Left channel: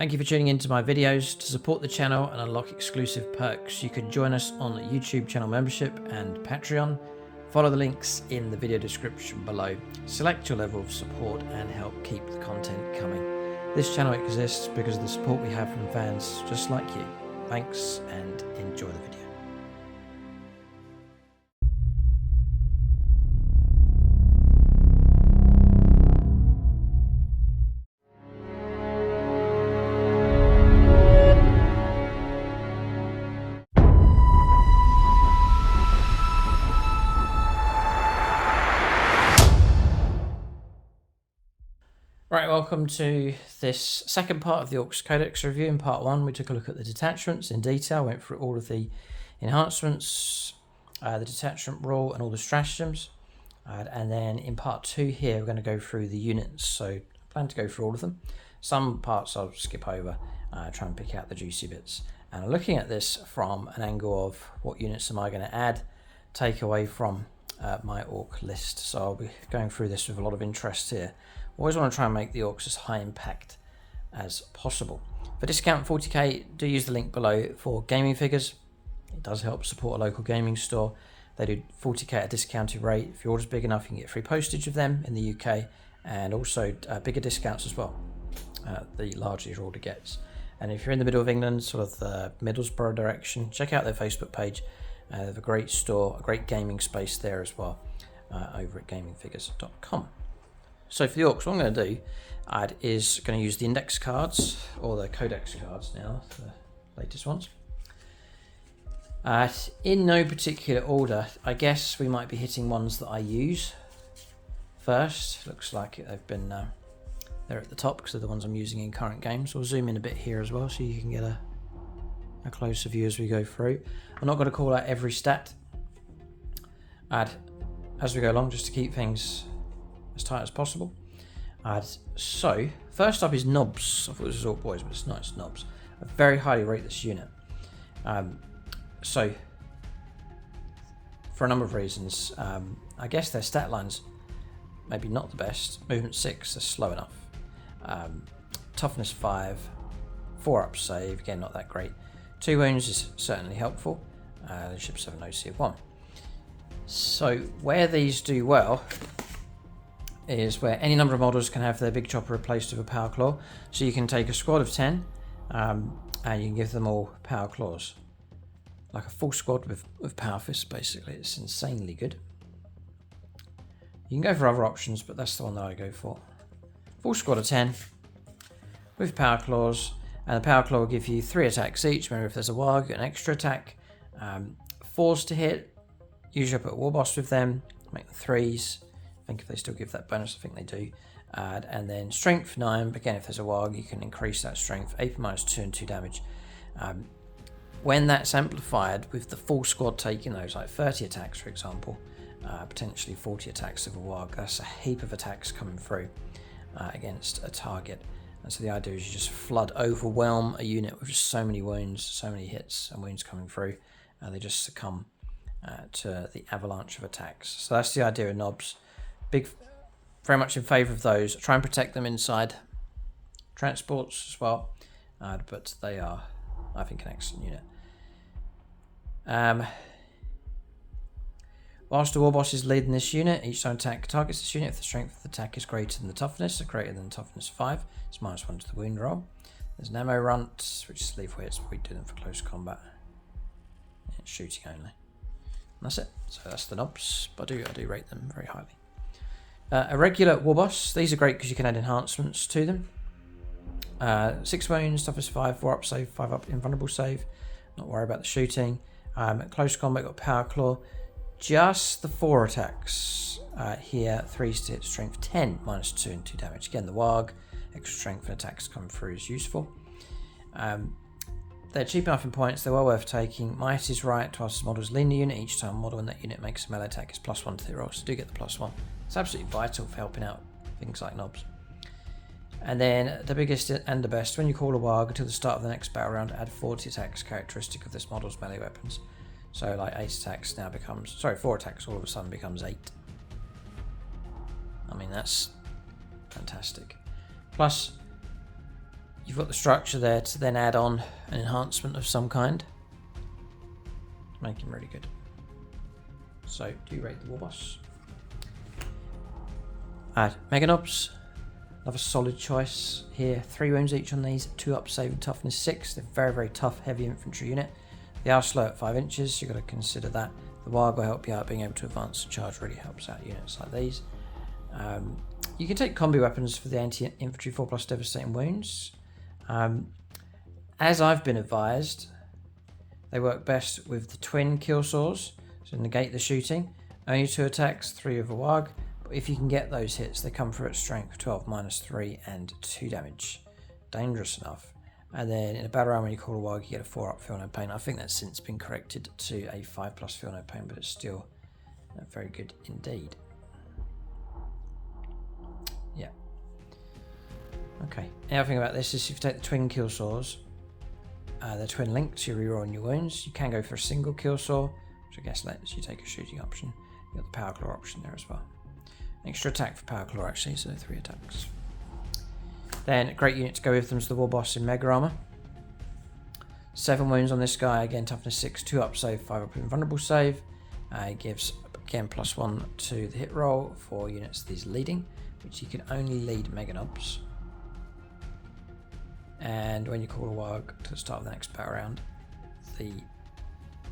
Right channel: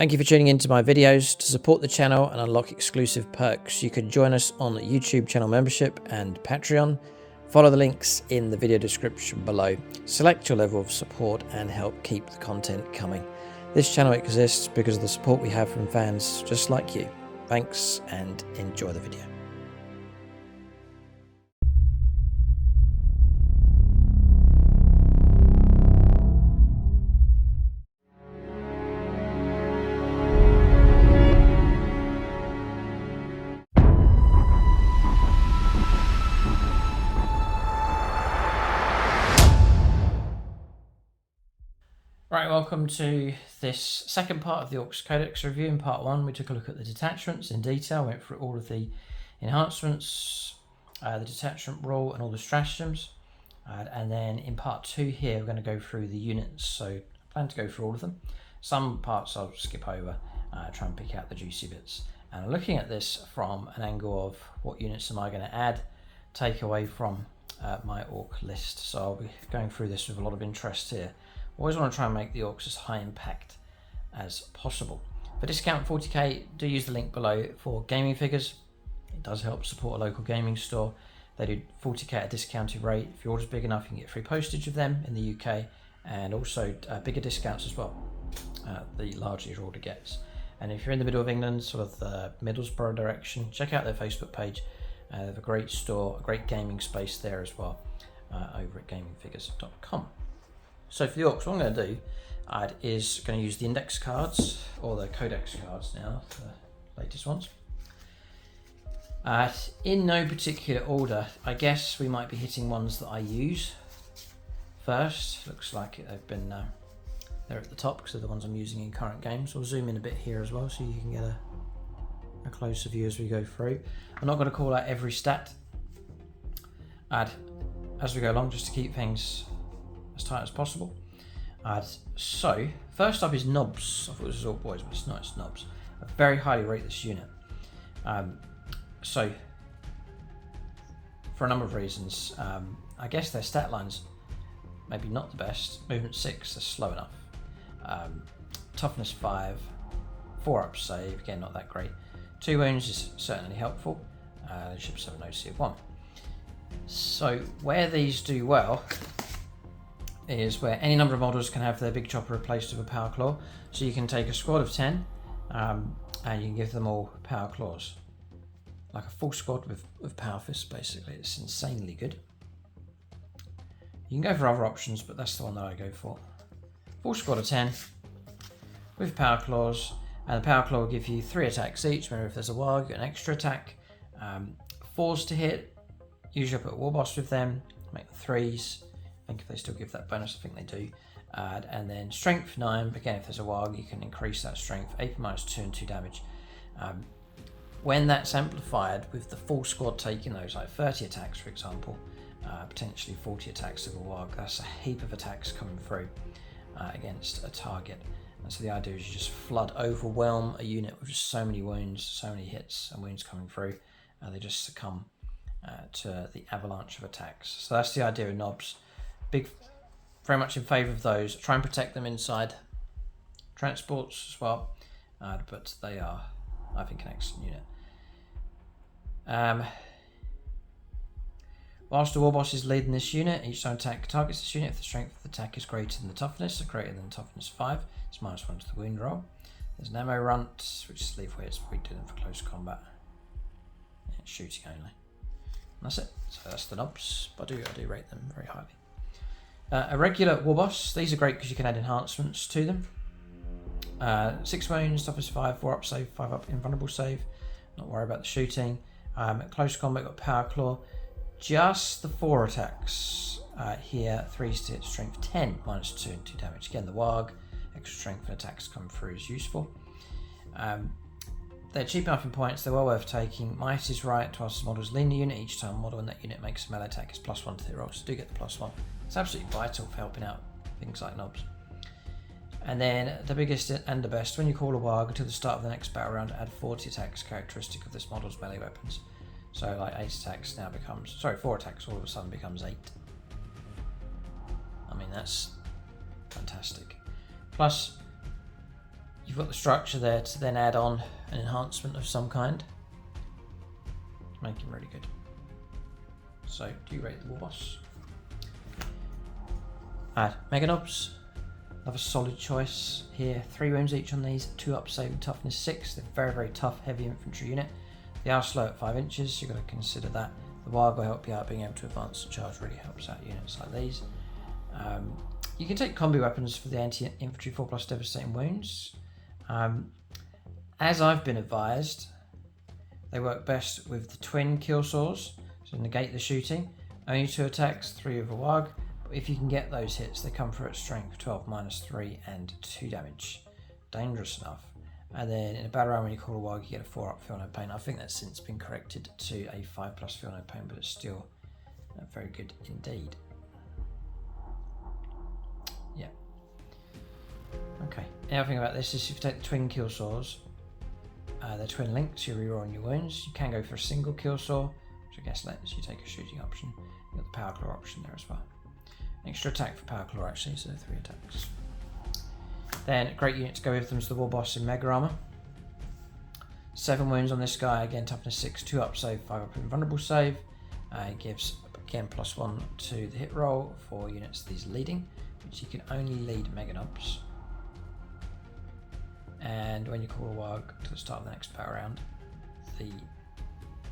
Thank you for tuning into my videos. To support the channel and unlock exclusive perks, you can join us on YouTube channel membership and Patreon. Follow the links in the video description below. Select your level of support and help keep the content coming. This channel exists because of the support we have from fans just like you. Thanks and enjoy the video. Right, welcome to this second part of the Orks Codex review. In part one, we took a look at the detachments in detail, went through all of the enhancements, the detachment rule and all the stratagems. And then in part two here, we're going to go through the units. So I plan to go through all of them. Some parts I'll skip over, try and pick out the juicy bits. And looking at this from an angle of what units am I going to add, take away from my Ork list. So I'll be going through this with a lot of interest here. Always want to try and make the Orks as high impact as possible. For discount 40k, do use the link below for gaming figures. It does help support a local gaming store. They do 40k at a discounted rate. If your order's big enough, you can get free postage of them in the UK, and also bigger discounts as well, the larger your order gets. And if you're in the middle of England, sort of the Middlesbrough direction, check out their Facebook page. They have a great store, a great gaming space there as well, over at gamingfigures.com. So for the Orks, what I'm going to do is going to use the index cards, or the Codex cards now, the latest ones. In no particular order, I guess we might be hitting ones that I use first. Looks like they've been, they're at the top because they're the ones I'm using in current games. We'll zoom in a bit here as well so you can get a closer view as we go through. I'm not going to call out every stat as we go along, just to keep things as tight as possible. So first up is Knobs. I thought this was all boys, but it's not. It's Knobs. I very highly rate this unit. So for a number of reasons, I guess their stat lines maybe not the best. Movement 6 is slow enough. Toughness 5, 4 up save, again not that great. 2 wounds is certainly helpful. Leadership 7 OC of 1. So where these do well is where any number of models can have their big chopper replaced with a power claw. So you can take a squad of 10 and you can give them all power claws. Like a full squad with power fists, basically. It's insanely good. You can go for other options, but that's the one that I go for. Full squad of 10 with power claws, and the power claw will give you 3 attacks each. Remember, if there's a WAAAGH, an extra attack. 4s to hit. Usually I put a war boss with them, make them 3s. I think if they still give that bonus, I think they do. And then strength 9, again if there's a WAAAGH you can increase that strength, AP -2 and 2 damage. When that's amplified with the full squad taking those, like 30 attacks for example, potentially 40 attacks of a WAAAGH, that's a heap of attacks coming through against a target. And so the idea is you just overwhelm a unit with just so many wounds, so many hits and wounds coming through, and they just succumb to the avalanche of attacks. So that's the idea of Knobs. Very much in favour of those. Try and protect them inside transports as well, but they are, I think, an excellent unit. Whilst the war boss is leading this unit, each time attack targets this unit if the strength of the attack is greater than the toughness, or greater than toughness 5, it's -1 to the wound roll. There's an ammo runt, which is lethal hits, but we do them for close combat. Yeah, it's shooting only. And that's it. So that's the Knobs, but I do rate them very highly. A regular war boss, these are great because you can add enhancements to them. 6 wounds, toughness 5, 4 up save, 5 up invulnerable save. Not worry about the shooting. Close combat, got power claw. Just the 4 attacks here, 3s to hit, strength 10, -2 and 2 damage. Again, the WAAAGH, extra strength and attacks come through is useful. They're cheap enough in points, they're well worth taking. Might is right whilst the models lean the unit. Each time a model in that unit makes a melee attack, it's +1 to the roll, so do get the +1. It's absolutely vital for helping out things like Knobs. And then the biggest and the best, when you call a WAAAGH until the start of the next battle round, add 40 attacks characteristic of this model's melee weapons. So like 8 attacks now becomes, 4 attacks all of a sudden becomes 8. I mean, that's fantastic. Plus, you've got the structure there to then add on an enhancement of some kind. Make him really good. So, do you rate the war boss? Add Meganobs. Another solid choice here. 3 wounds each on these, 2 up save and toughness 6. They're very, very tough, heavy infantry unit. They are slow at 5 inches, so you've got to consider that. The WAAAGH will help you out. Being able to advance the charge really helps out units like these. You can take combi weapons for the anti-infantry 4+ devastating wounds. As I've been advised, they work best with the twin kill saws, so negate the shooting. Only 2 attacks, 3 of a WAAAGH. But if you can get those hits, they come through at strength 12 -3 and 2 damage. Dangerous enough. And then in a battle round when you call a WAAAGH, you get a 4-up feel no pain. I think that's since been corrected to a 5+ feel no pain, but it's still very good indeed. Yeah. Okay. Another thing about this is if you take the twin kill saws, they're twin linked, so you reroll on your wounds. You can go for a single kill saw, which I guess lets you take a shooting option. You've got the power claw option there as well. Extra attack for power claw actually, so 3 attacks. Then a great unit to go with them is the war boss in Mega Armor. 7 wounds on this guy, again toughness 6, 2 up save, 5 up invulnerable save. It gives again +1 to the hit roll for units that he's leading, which he can only lead Meganobs. And when you call a WAAAGH to the start of the next battle round, the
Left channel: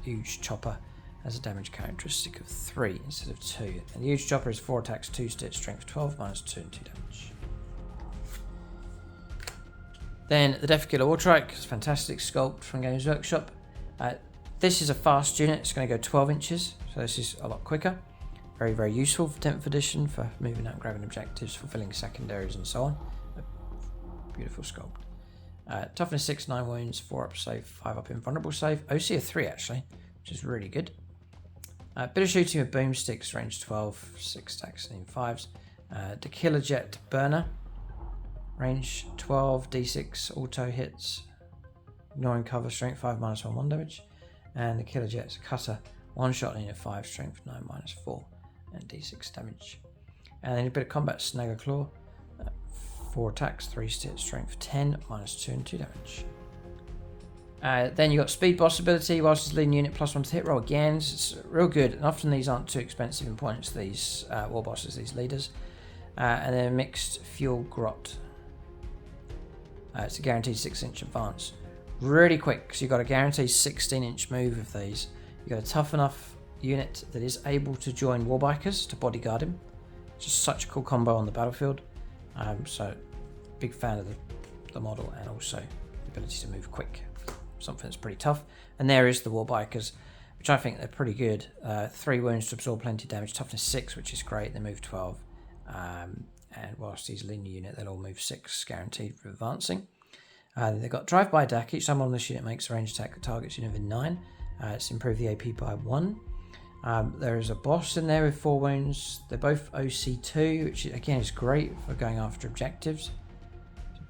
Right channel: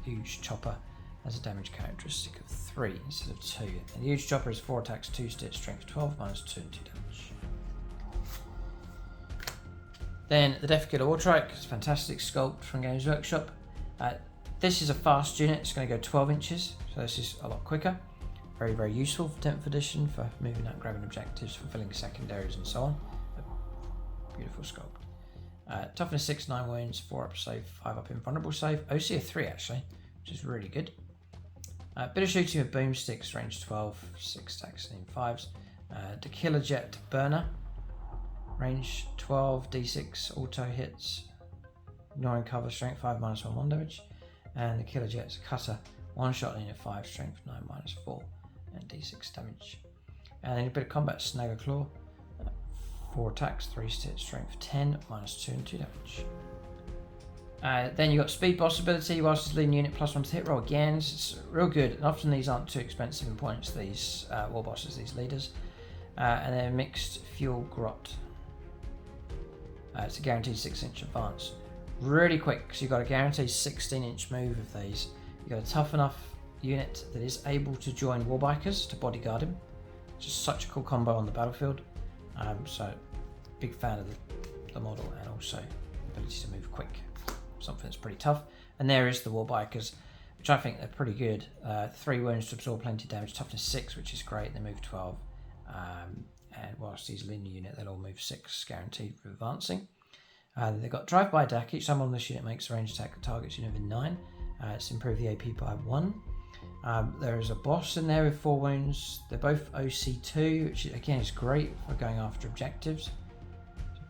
huge chopper has a damage characteristic of 3 instead of 2. And the huge chopper is 4 attacks, 2 stitch, strength 12, -2 and 2 damage. Then the Death Killer Wartrike is a fantastic sculpt from Games Workshop. This is a fast unit, it's going to go 12 inches, so this is a lot quicker. Very, very useful for 10th edition for moving out, grabbing objectives, fulfilling secondaries and so on. Beautiful sculpt. Toughness 6, 9 wounds, 4 up save, 5 up invulnerable save. OC of 3 actually, which is really good. Bit of shooting with boomsticks, range 12, 6 stacks and 5s. The Killer Jet Burner, range 12, d6 auto hits, ignoring cover, strength 5, -1, 1 damage. And the Killer Jet's Cutter, 1 shot in at 5, strength 9, -4 and d6 damage. And then a bit of combat Snagger Claw, 4 attacks, 3 stitch, strength 10, -2 and 2 damage. Then you got speed boss ability, whilst it's leading unit +1 to hit roll again. It's real good, and often these aren't too expensive in points, these war bosses, these leaders. And then mixed fuel grot. It's a guaranteed 6-inch advance. Really quick, because you've got a guaranteed 16-inch move with these. You've got a tough enough unit that is able to join Warbikers to bodyguard him. It's just such a cool combo on the battlefield. So, big fan of the model, and also the ability to move quick. Something that's pretty tough. And there is the Warbikers, which I think they're pretty good. 3 wounds to absorb plenty of damage, toughness 6, which is great. They move 12. And whilst he's a linear unit, they'll all move 6, guaranteed for advancing. They've got drive-by attack. Each time on this unit makes a ranged attack that targets unit within 9. It's improved the AP by 1. There is a boss in there with 4 wounds. They're both OC2, which again is great for going after objectives.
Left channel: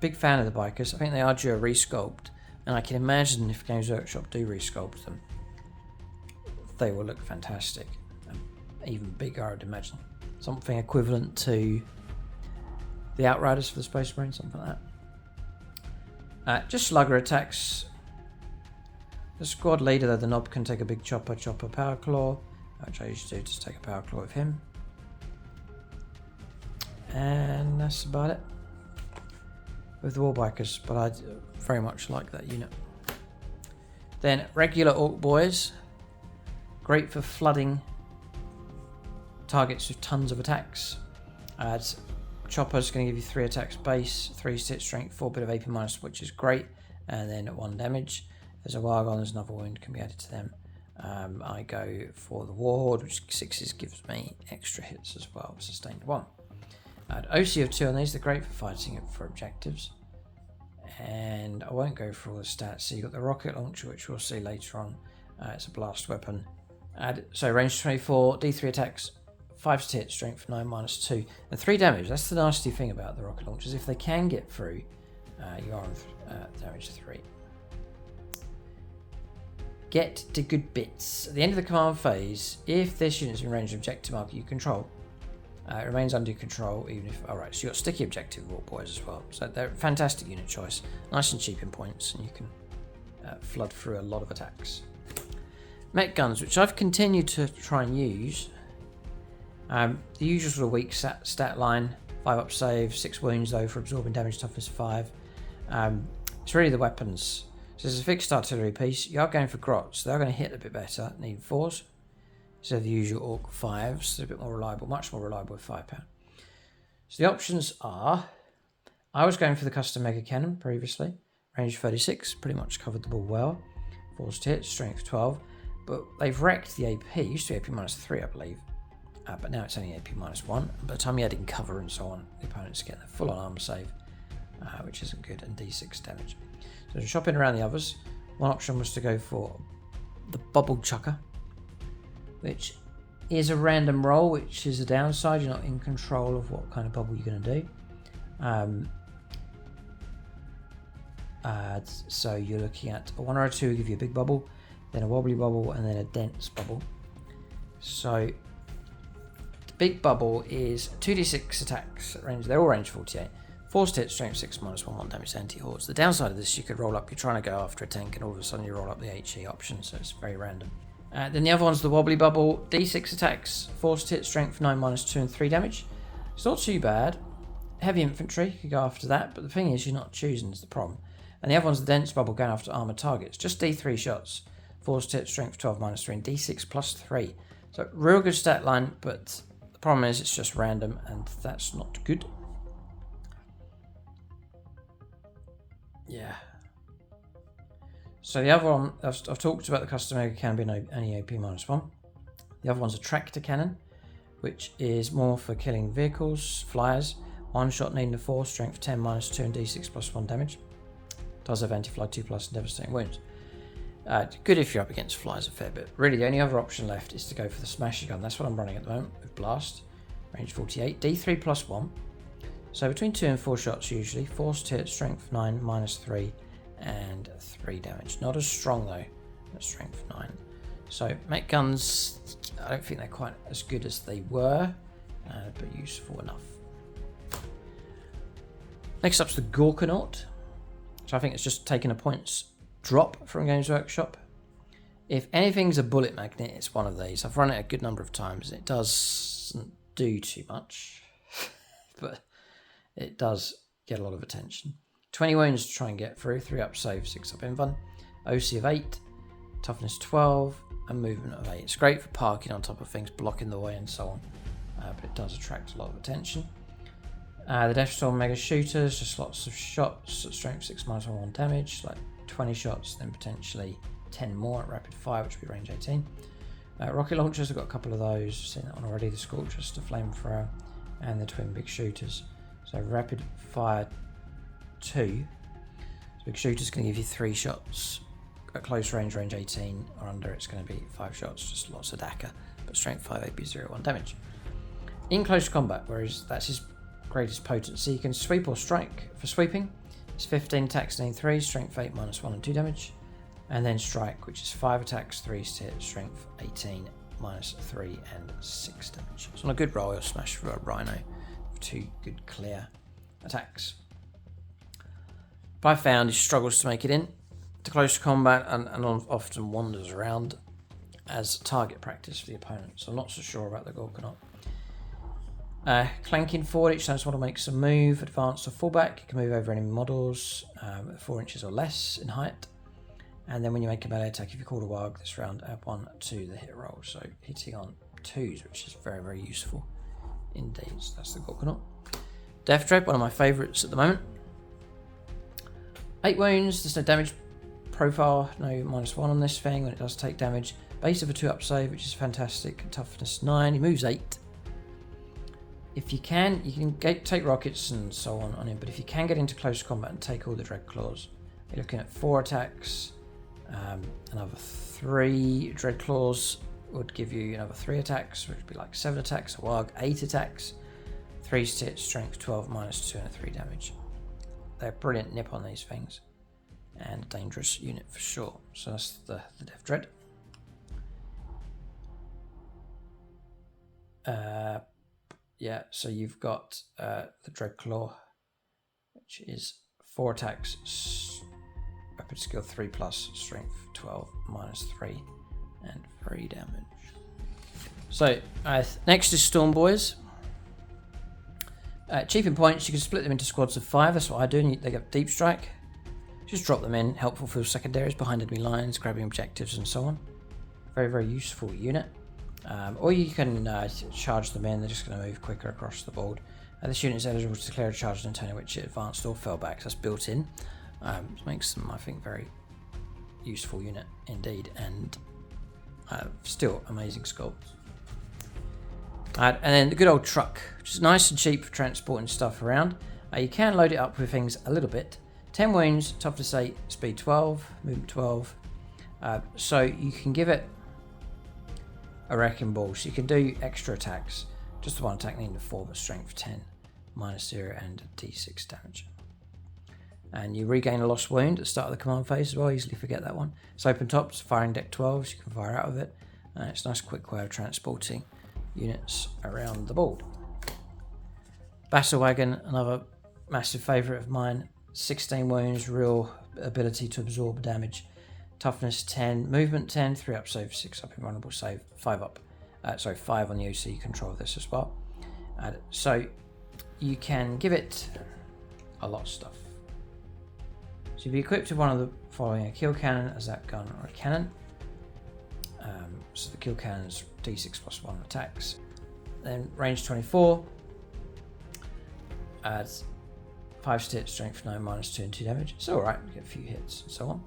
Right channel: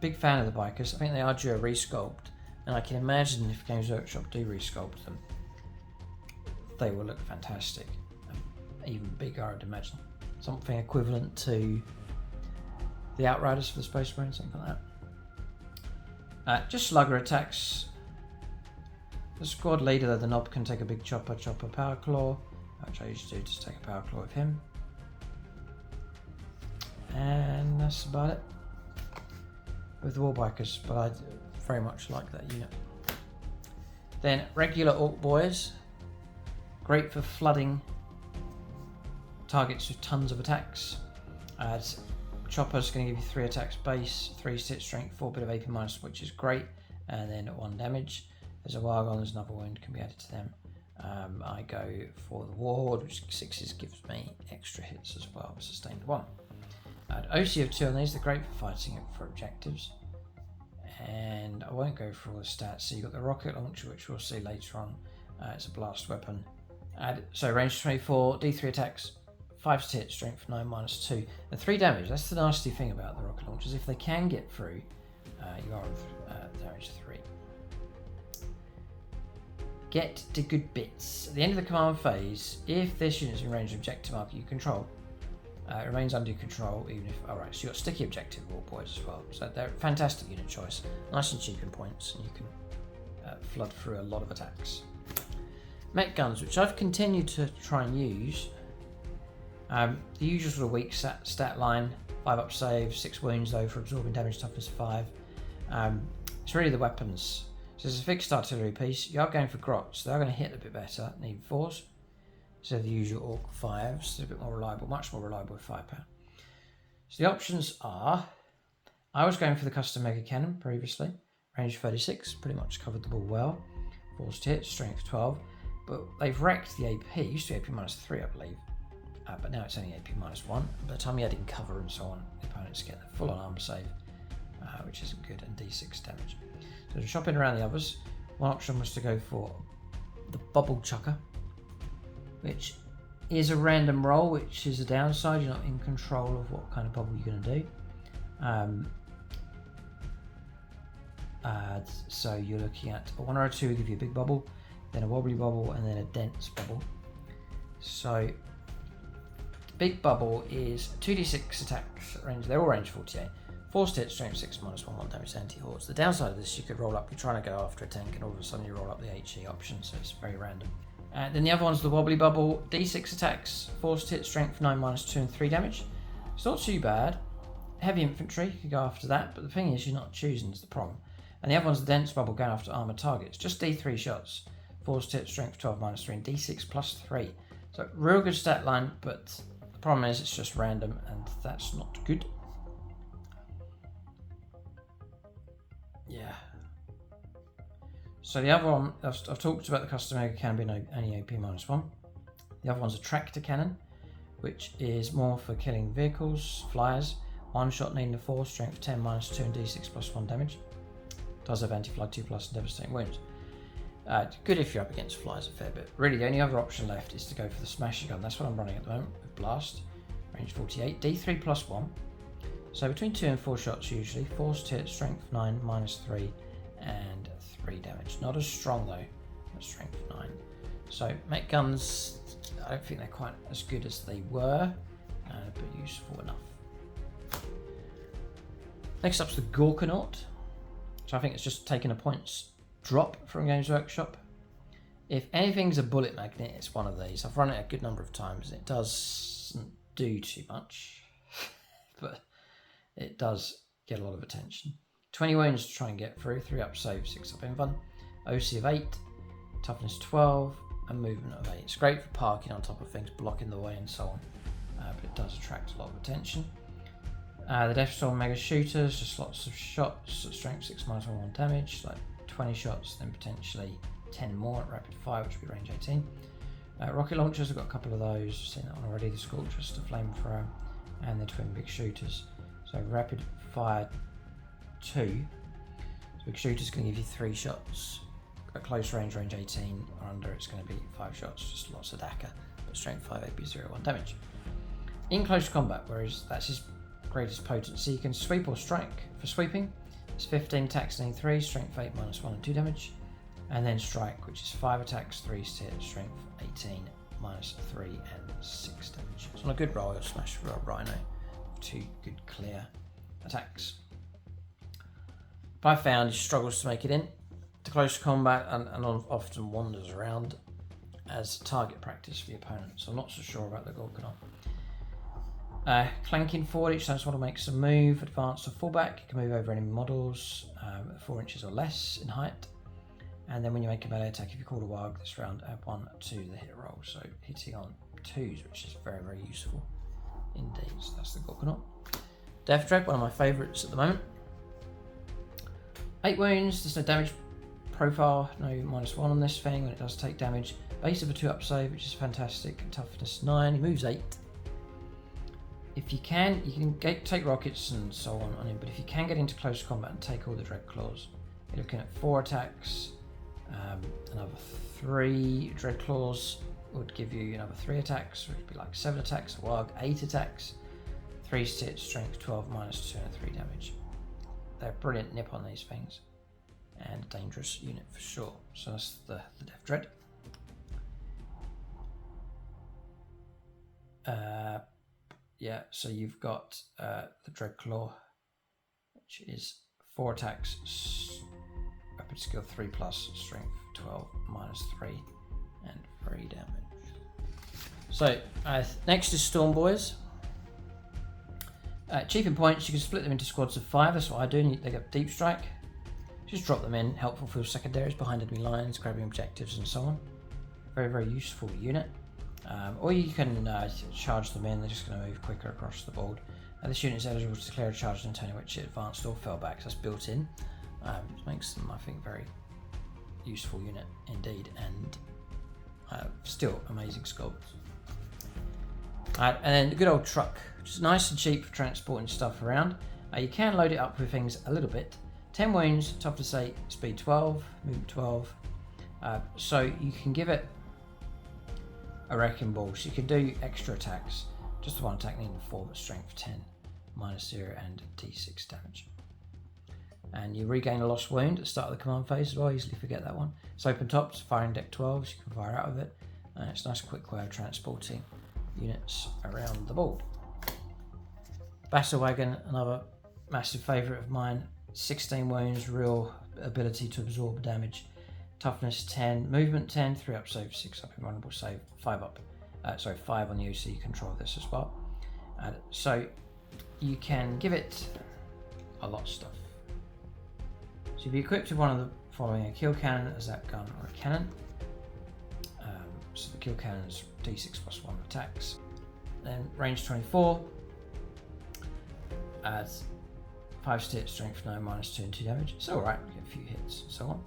Big fan of the bikers. I think they are due a resculpt, and I can imagine if Games Workshop do resculpt them, they will look fantastic. Even bigger, I would imagine. Something equivalent to the Outriders for the Space Marine, something like that. Just slugger attacks. The squad leader, though, the knob can take a big chopper power claw, which I usually do, just take a power claw with him. And that's about it with the Warbikers, but I very much like that unit. Then regular Ork Boys, great for flooding targets with tons of attacks. Chopper's going to give you 3 attacks base, 3 stitch strength, 4 bit of AP minus, which is great, and then 1 damage. There's a WAAAGH on, there's another wound can be added to them. I go for the Warhorde, which 6s gives me extra hits as well, sustained 1. OC of 2 on these, they're great for fighting it for objectives. And I won't go for all the stats. So you've got the rocket launcher, which we'll see later on. It's a blast weapon. So range 24, D3 attacks, 5 to hit, strength 9 -2, and 3 damage. That's the nasty thing about the rocket launchers. If they can get through, you are on damage 3. Get the good bits. At the end of the command phase, if this unit is in range of objective marker you control, It remains under your control even if... Alright, so you've got sticky objective Warp Boys as well. So they're a fantastic unit choice. Nice and cheap in points, and you can flood through a lot of attacks. Mech guns, which I've continued to try and use. The usual sort of weak stat line. 5 up save, 6 wounds though for absorbing damage, toughness 5. It's really the weapons. So there's a fixed artillery piece. You are going for grots, so they're going to hit a bit better. Need 4s. Instead of the usual Ork 5s, they're a bit more reliable, much more reliable with firepower. So the options are, I was going for the custom mega cannon previously, range 36, pretty much covered the ball well. 4s to hit, strength 12, but they've wrecked the AP. It used to be AP -3, I believe, but now it's only AP -1. By the time you add in cover and so on, the opponent's getting a full on armor save, which isn't good, and D6 damage. So shopping around the others, one option was to go for the Bubble Chucker, which is a random roll, which is a downside. You're not in control of what kind of bubble you're going to do. So you're looking at a 1 or a 2 will give you a big bubble, then a wobbly bubble, and then a dense bubble. So the big bubble is 2d6 attacks at range. They're all range 48. 4s to hit, strength 6 -1 damage to anti-hordes. The downside of this, you could roll up, you're trying to go after a tank, and all of a sudden you roll up the HE option, so it's very random. Then the other one's the wobbly bubble, d6 attacks, 4s to hit, strength 9 -2 and 3 damage. It's not too bad. Heavy infantry, you could go after that, but the thing is, you're not choosing is the problem. And the other one's the dense bubble, going after armored targets. Just D3 shots, 4s to hit, strength 12 -3 and D6 +3. So real good stat line, but the problem is it's just random, and that's not good. Yeah. So the other one, I've talked about the custom mega cannon being only AP -1. The other one's a tractor cannon, which is more for killing vehicles, flyers. One shot needing a 4, strength 10 -2 and D6 +1 damage. Does have anti-fly 2+ and devastating wounds. Good if you're up against flyers a fair bit. Really, the only other option left is to go for the smasher gun. That's what I'm running at the moment with blast, range 48, D3 +1. So between 2 and 4 shots usually. 4s to hit, strength 9 -3 and 3 damage. Not as strong though, but strength 9. So mech guns, I don't think they're quite as good as they were, but useful enough. Next up's the Gorkanaut. So I think it's just taken a points drop from Games Workshop. If anything's a bullet magnet, it's one of these. I've run it a good number of times, and it doesn't do too much, but it does get a lot of attention. 20 wounds to try and get through, 3 up save, 6 up invuln, OC of 8, toughness 12, and movement of 8. It's great for parking on top of things, blocking the way and so on, but it does attract a lot of attention. The Deathstorm Mega Shooters, just lots of shots at strength 6 -1 damage, like 20 shots, then potentially 10 more at rapid fire, which would be range 18. Rocket launchers, I've got a couple of those, seen that one already, the Scorchers, the Flamethrower, and the Twin Big Shooters. So rapid fire 2, so Big Shooter's going to give you 3 shots. At close range, range 18 or under, it's going to be 5 shots, just lots of DACA, but strength 5, AP 0, 1 damage. In close combat, whereas that's his greatest potency, you can sweep or strike. For sweeping, it's 15 attacks and 3, strength 8 -1 and 2 damage, and then strike, which is 5 attacks, 3 to hit, strength 18 -3 and 6 damage. So on a good roll, you'll smash for a Rhino with 2 good clear attacks. But I found he struggles to make it in to close combat and often wanders around as target practice for the opponent. So I'm not so sure about the Gorkanaut. Clanking forward, each time someone makes a move, advance or fullback, you can move over enemy models 4 inches or less in height. And then when you make a melee attack, if you call a WAAAGH this round, add 1 to the hit roll. So hitting on 2s, which is very, very useful indeed. So that's the Gorkanaut. Death Dread, one of my favourites at the moment. 8 wounds, there's no damage profile, no -1 on this thing when it does take damage. Base of a 2 up save, which is fantastic. Toughness 9, he moves 8. If you can take rockets and so on him, but if you can get into close combat and take all the Dread Claws, you're looking at 4 attacks, another 3 Dread Claws would give you another 3 attacks, which would be like 7 attacks, a WAAAGH 8 attacks, 3 to hit, strength 12 -2 and 3 damage. They're brilliant nip on these things, and a dangerous unit for sure. So that's the Death Dread. yeah, so you've got the Dreadclaw, which is 4 attacks, weapon skill 3+, strength 12, -3, and 3 damage. So next is Storm Boys. Achievement points, you can split them into squads of 5. That's what I do. They get deep strike. Just drop them in. Helpful for secondaries behind enemy lines, grabbing objectives and so on. Very, very useful unit. Or you can charge them in. They're just going to move quicker across the board. This unit is eligible to declare a charge on a turn in which it advanced or fell back. So that's built in. Which makes them, I think, very useful unit indeed. And still amazing sculpts. And then the good old truck, which is nice and cheap for transporting stuff around. You can load it up with things a little bit. 10 wounds, toughness 8, speed 12, movement 12. So you can give it a wrecking ball. So you can do extra attacks. Just the one attack needing the 4, but strength 10, -0, and d6 damage. And you regain a lost wound at the start of the command phase as well. Easily forget that one. It's open top, it's firing deck 12, so you can fire out of it. It's a nice quick way of transporting units around the board. Battle Wagon, another massive favourite of mine. 16 wounds, real ability to absorb damage. Toughness 10, movement 10, 3 up save, 6 up invulnerable save, 5 up. 5 on the OC control of this as well. So you can give it a lot of stuff. So if you equipped with one of the following: a kill cannon, a zap gun, or a cannon. So the kill cannon's d6 +1 attacks. Then range 24. Adds 5 stat, strength 9, -2 and 2 damage. It's alright, you get a few hits and so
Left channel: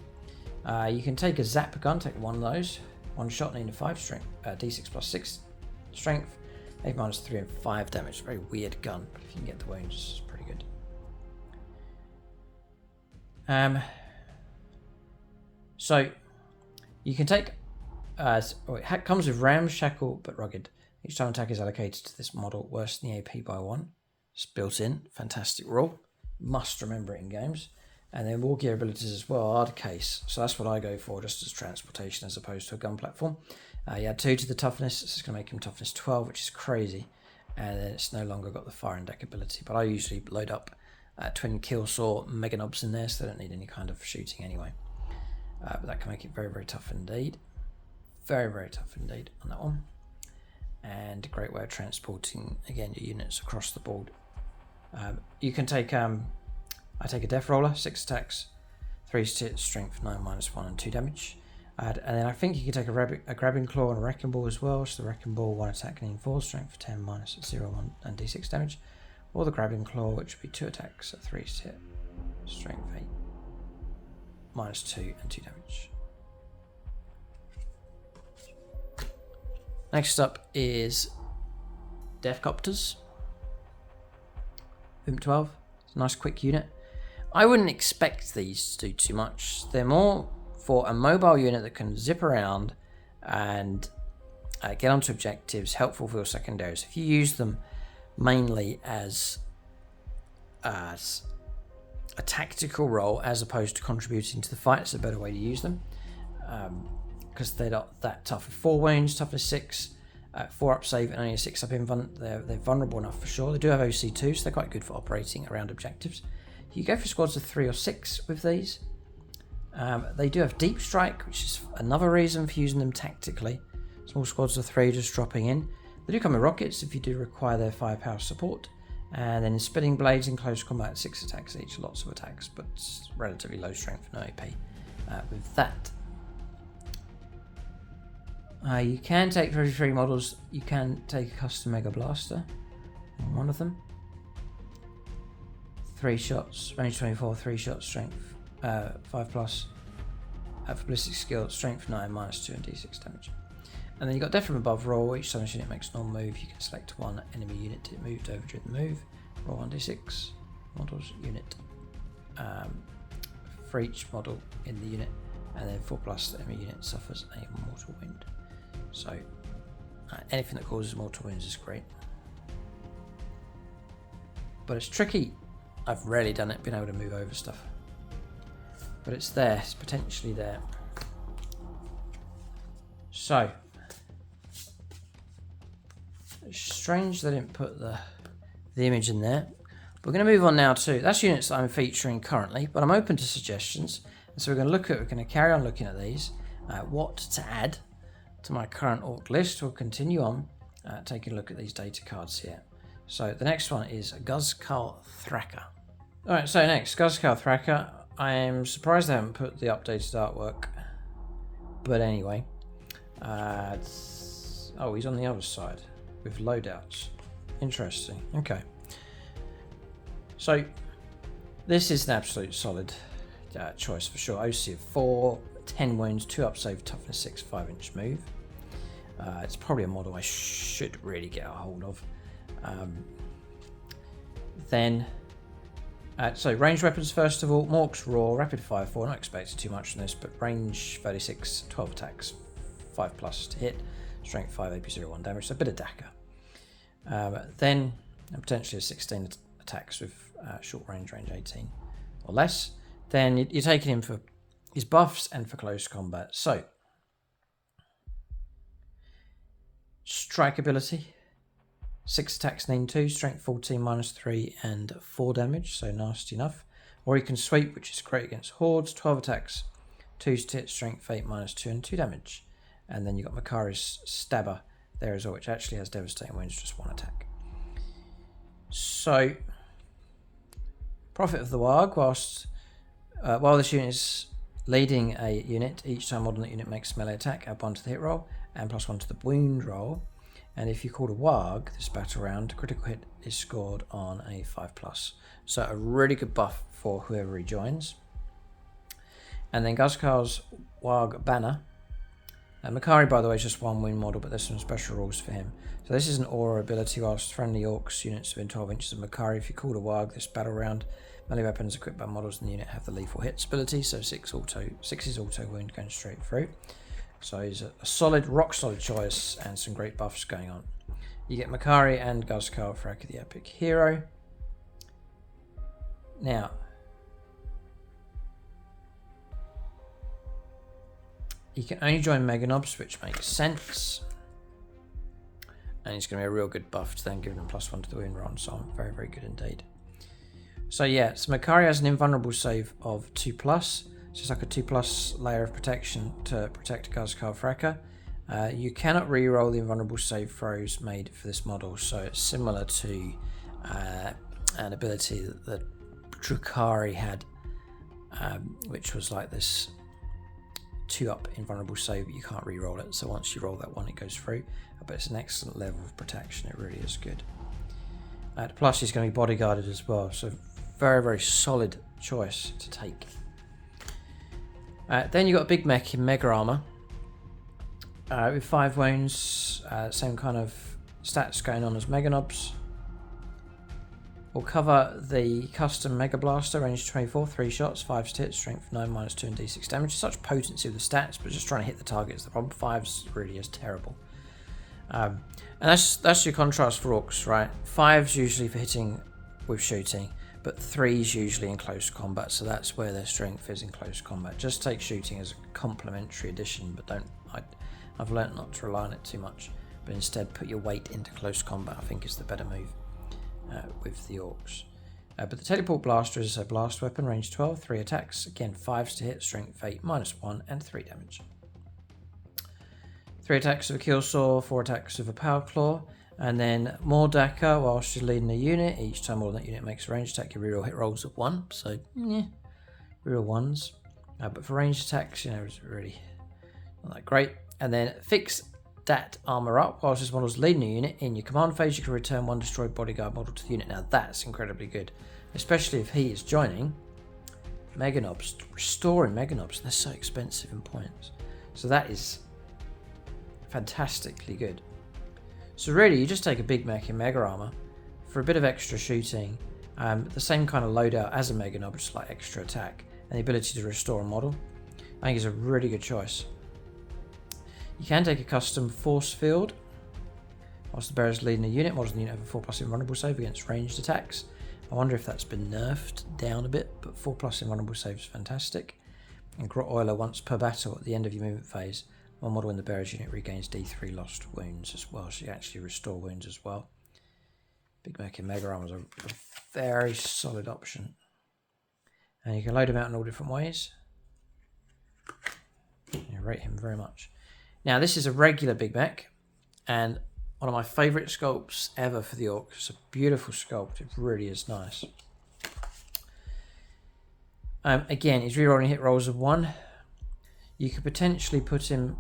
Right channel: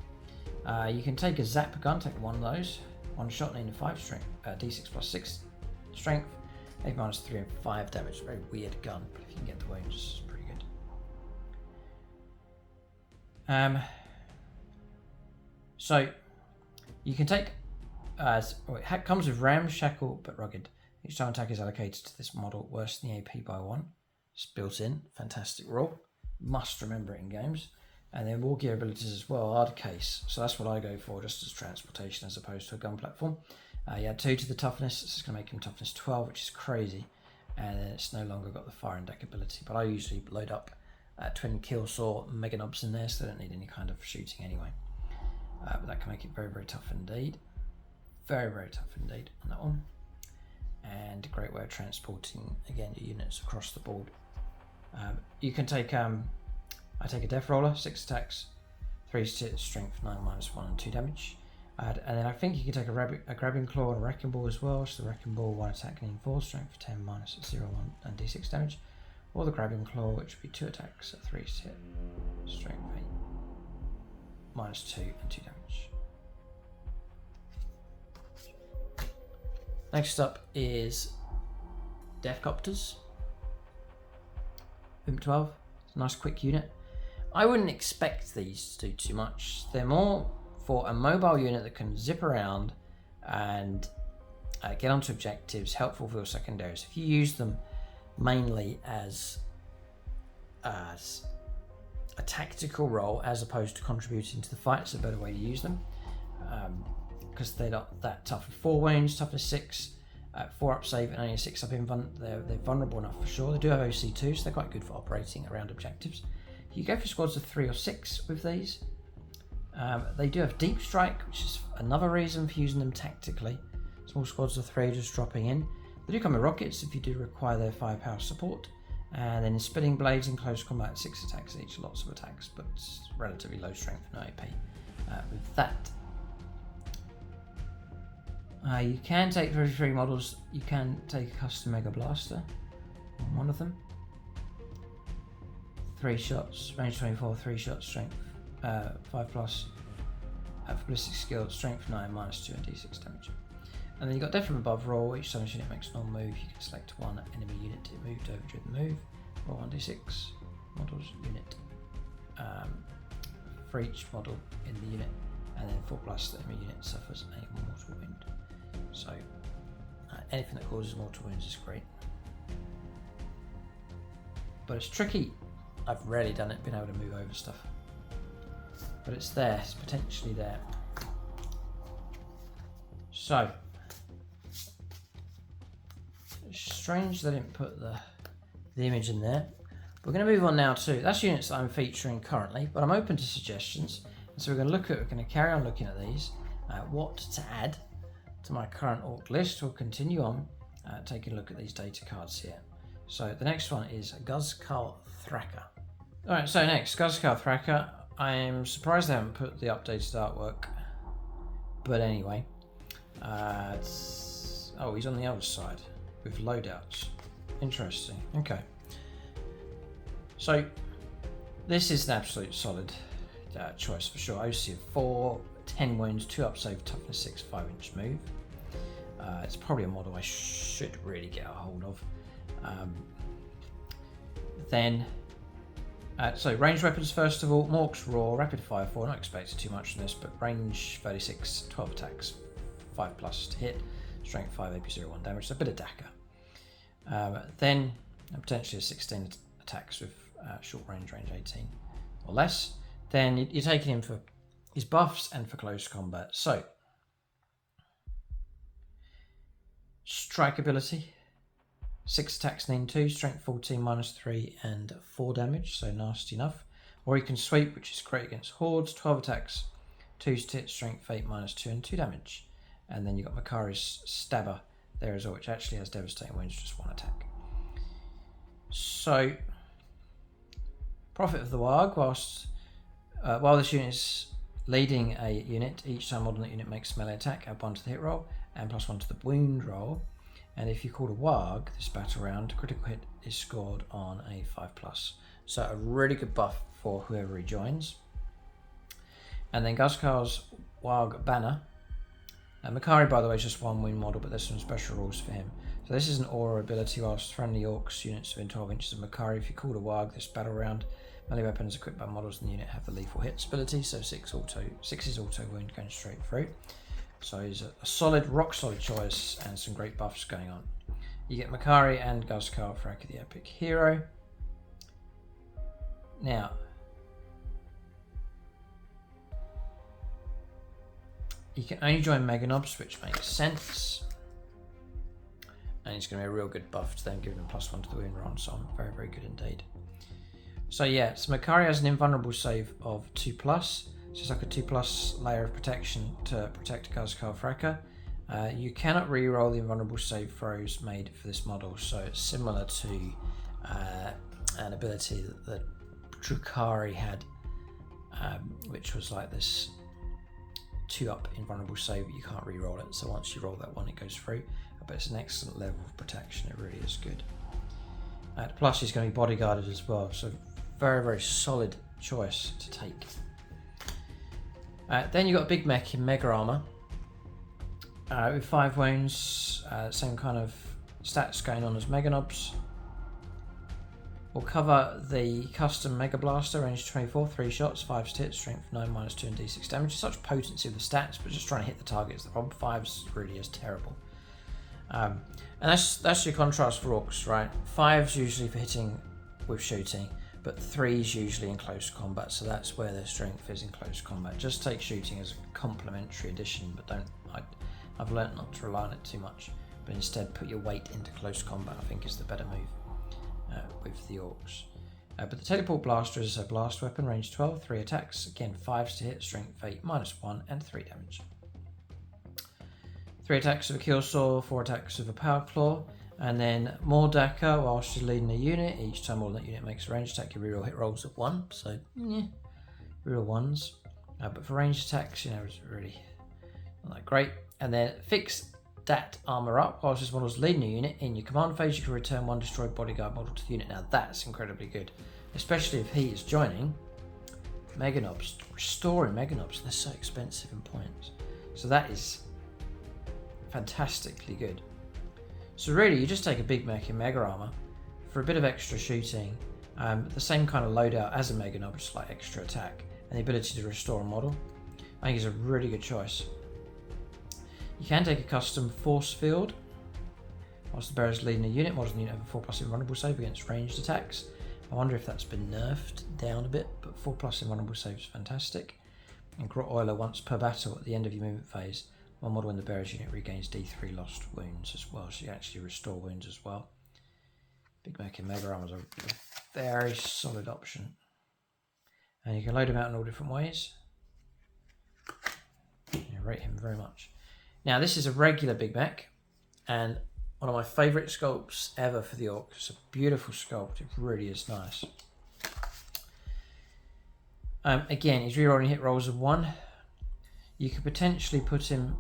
on. You can take a zap gun, take one of those. One shot needing 5 strength, d6 +6 strength, 8 -3 and 5 damage. Very weird gun, but if you can get the wounds, it's pretty good. So you can take. It comes with ramshackle but rugged. Each time attack is allocated to this model, worsen the AP by 1. It's built in, fantastic rule. Must remember it in games. And then war gear abilities as well, hard case. So that's what I go for, just as transportation as opposed to a gun platform. You add 2 to the toughness. This is going to make him toughness 12, which is crazy. And then it's no longer got the fire and deck ability. But I usually load up twin kill saw mega knobs in there, so they don't need any kind of shooting anyway. But that can make it very, very tough indeed. Very, very tough indeed on that one. And a great way of transporting, again, your units across the board. You can take, I take a death roller, 6 attacks, 3 strength, 9 -1 and 2 damage. And then I think you can take a grabbing claw and a wrecking ball as well. So the wrecking ball, 1 attack needing 4, strength 10, -0 1 and d6 damage. Or the grabbing claw, which would be 2 attacks, 3 strength 8, -2 and 2 damage. Next up is Deathcopters. Movement 12. It's a nice quick unit. I wouldn't expect these to do too much. They're more for a mobile unit that can zip around and get onto objectives, helpful for your secondaries. If you use them mainly as a tactical role as opposed to contributing to the fight, it's a better way to use them. Because they're not that tough. 4 wounds, toughness 6, 4 up save, and only a 6 up invuln. They're vulnerable enough for sure. They do have OC2, so they're quite good for operating around objectives. You go for squads of 3 or 6 with these. They do have deep strike, which is another reason for using them tactically. Small squads of 3 just dropping in. They do come with rockets if you do require their firepower support. And then spinning blades in close combat, 6 attacks each, lots of attacks, but relatively low strength, no AP with that. You can take 33 models. You can take a custom Mega Blaster in one of them. 3 shots, range 24, 3 shots, strength 5+. For ballistic skill, strength 9, -2 and d6 damage. And then you've got Death from Above roll. Each time this unit makes a normal move, you can select one enemy unit to move over during the move. Roll 1d6 models unit for each model in the unit, and then 4+, the enemy unit suffers a mortal wound. So anything that causes mortal wounds is great, but it's tricky. I've rarely done it, been able to move over stuff, but it's there, it's potentially there. So strange they didn't put the image in there. We're going to move on now to, that's units that I'm featuring currently, but I'm open to suggestions. And so we're going to carry on looking at these, what to add to my current Ork list. We'll continue on taking a look at these data cards here. So the next one is Guzkal Thraka. Alright, so next, Guzkal Thraka. I'm surprised they haven't put the updated artwork, but anyway. Oh, he's on the other side with loadouts. Interesting. Okay. So this is an absolute solid choice for sure. OC of 4, 10 wounds, 2 up save, toughness 6, 5-inch move. It's probably a model I should really get a hold of. So ranged weapons first of all. Mork's Raw, rapid fire 4. Not expected too much from this, but range 36, 12 attacks, 5+ to hit, strength 5, AP 0, 1 damage. So a bit of Dakka. Then potentially 16 attacks with short range, range 18 or less. Then you're taking him for his buffs and for close combat. So strike ability, 6 attacks, need 2, strength 14, -3 and 4 damage, so nasty enough. Or he can sweep, which is great against hordes, 12 attacks, 2 to hit, strength 8, -2 and 2 damage. And then you've got Makari's Stabber there as well, which actually has devastating wounds, just 1 attack. So Prophet of the WAAAGH, while this unit is leading a unit, each time modern unit makes a melee attack, add 1 to the hit roll and +1 to the wound roll. And if you call a WAAAGH this battle round, critical hit is scored on a 5+. So a really good buff for whoever rejoins. And then Guzkal's WAAAGH banner. Makari, by the way, is just 1 wound model, but there's some special rules for him. So this is an aura ability. Whilst friendly Orks units within 12 inches of Makari, if you call a WAAAGH this battle round, melee weapons equipped by models in the unit have the lethal hits ability. So 6 is auto wound going straight through. So he's a solid, rock solid choice and some great buffs going on. You get Makari and Guzkal Thraka, the epic hero. Now, you can only join Meganobs, which makes sense. And it's going to be a real good buff to them, giving them +1 to the wound roll, so very, very good indeed. So yeah, so Makari has an invulnerable save of 2+. So it's like a 2+ layer of protection to protect Guzkal Thraka. You cannot re-roll the invulnerable save throws made for this model, so it's similar to an ability that Drukhari had, which was like this 2-up invulnerable save, but you can't re-roll it. So once you roll that one, it goes through. But it's an excellent level of protection. It really is good. Plus, he's going to be bodyguarded as well, so very, very solid choice to take. Then you've got a big mech in Mega Armor with 5 wounds, same kind of stats going on as Meganobs. We'll cover the custom Mega Blaster, range 24, 3 shots, 5 to hit, strength 9, -2 and d6 damage. Such potency with the stats, but just trying to hit the targets. The problem 5s really is terrible. And that's your contrast for Orks, right? 5's usually for hitting with shooting, but 3's usually in close combat, so that's where their strength is in close combat. Just take shooting as a complementary addition, but I've learnt not to rely on it too much, but instead put your weight into close combat. I think is the better move with the Orks. But the Teleport Blaster is a blast weapon, range 12, 3 attacks, again 5s to hit, strength 8, -1 and 3 damage. 3 attacks with a kill saw, 4 attacks with a power claw, and then more Dakka whilst you're leading a unit. Each time all that unit makes a ranged attack, your reroll hit rolls at 1, so yeah, reroll 1s. But for ranged attacks, it's really not that great. And then fix that armor up. Whilst this model's leading a unit, in your command phase, you can return 1 destroyed bodyguard model to the unit. Now that's incredibly good, especially if he is joining Meganobs. Restoring Meganobs, they're so expensive in points. So that is fantastically good. So really, you just take a big mech in Mega Armor for a bit of extra shooting, the same kind of loadout as a Meganob, just like extra attack, and the ability to restore a model. I think it's a really good choice. You can take a custom force field. Whilst the bearer's leading a unit, models in the unit have a 4+ invulnerable save against ranged attacks. I wonder if that's been nerfed down a bit, but 4+ invulnerable save is fantastic. And Grot Oiler once per battle at the end of your movement phase. One model in the bearer's unit regains D3 lost wounds as well, so you actually restore wounds as well. Big Mech in Mega Armor is a very solid option. And you can load him out in all different ways. I rate him very much. Now this is a regular Big Mech, and one of my favourite sculpts ever for the Orcs. It's a beautiful sculpt, it really is nice. Again, his rerolling hit rolls of 1. You could potentially put him,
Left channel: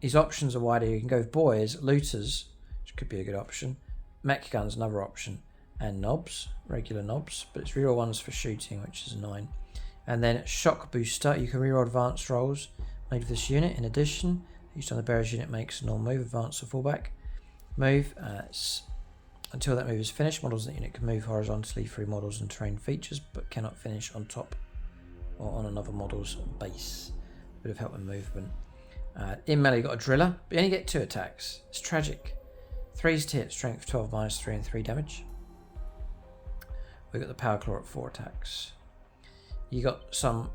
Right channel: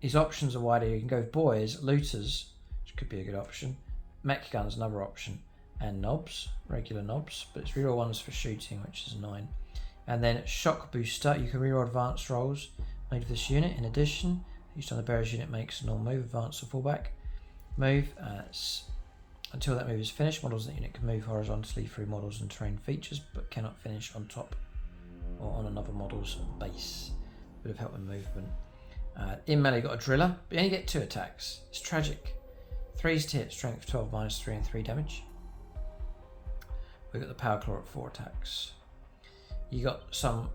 his options are wider. You can go with boys, looters, which could be a good option. Mech guns, another option. And knobs, regular knobs, but it's reroll 1s for shooting, which is 9. And then shock booster, you can reroll advanced rolls made with this unit. In addition, each time the bearer's unit makes a normal move, advance or fallback move. Until that move is finished, models in that unit can move horizontally through models and terrain features, but cannot finish on top or on another model's base. Bit of help in movement. In melee, you've got a driller, but you only get 2 attacks. It's tragic. 3's to hit, strength 12, -3 and 3 damage. We've got the power claw at 4 attacks. You got some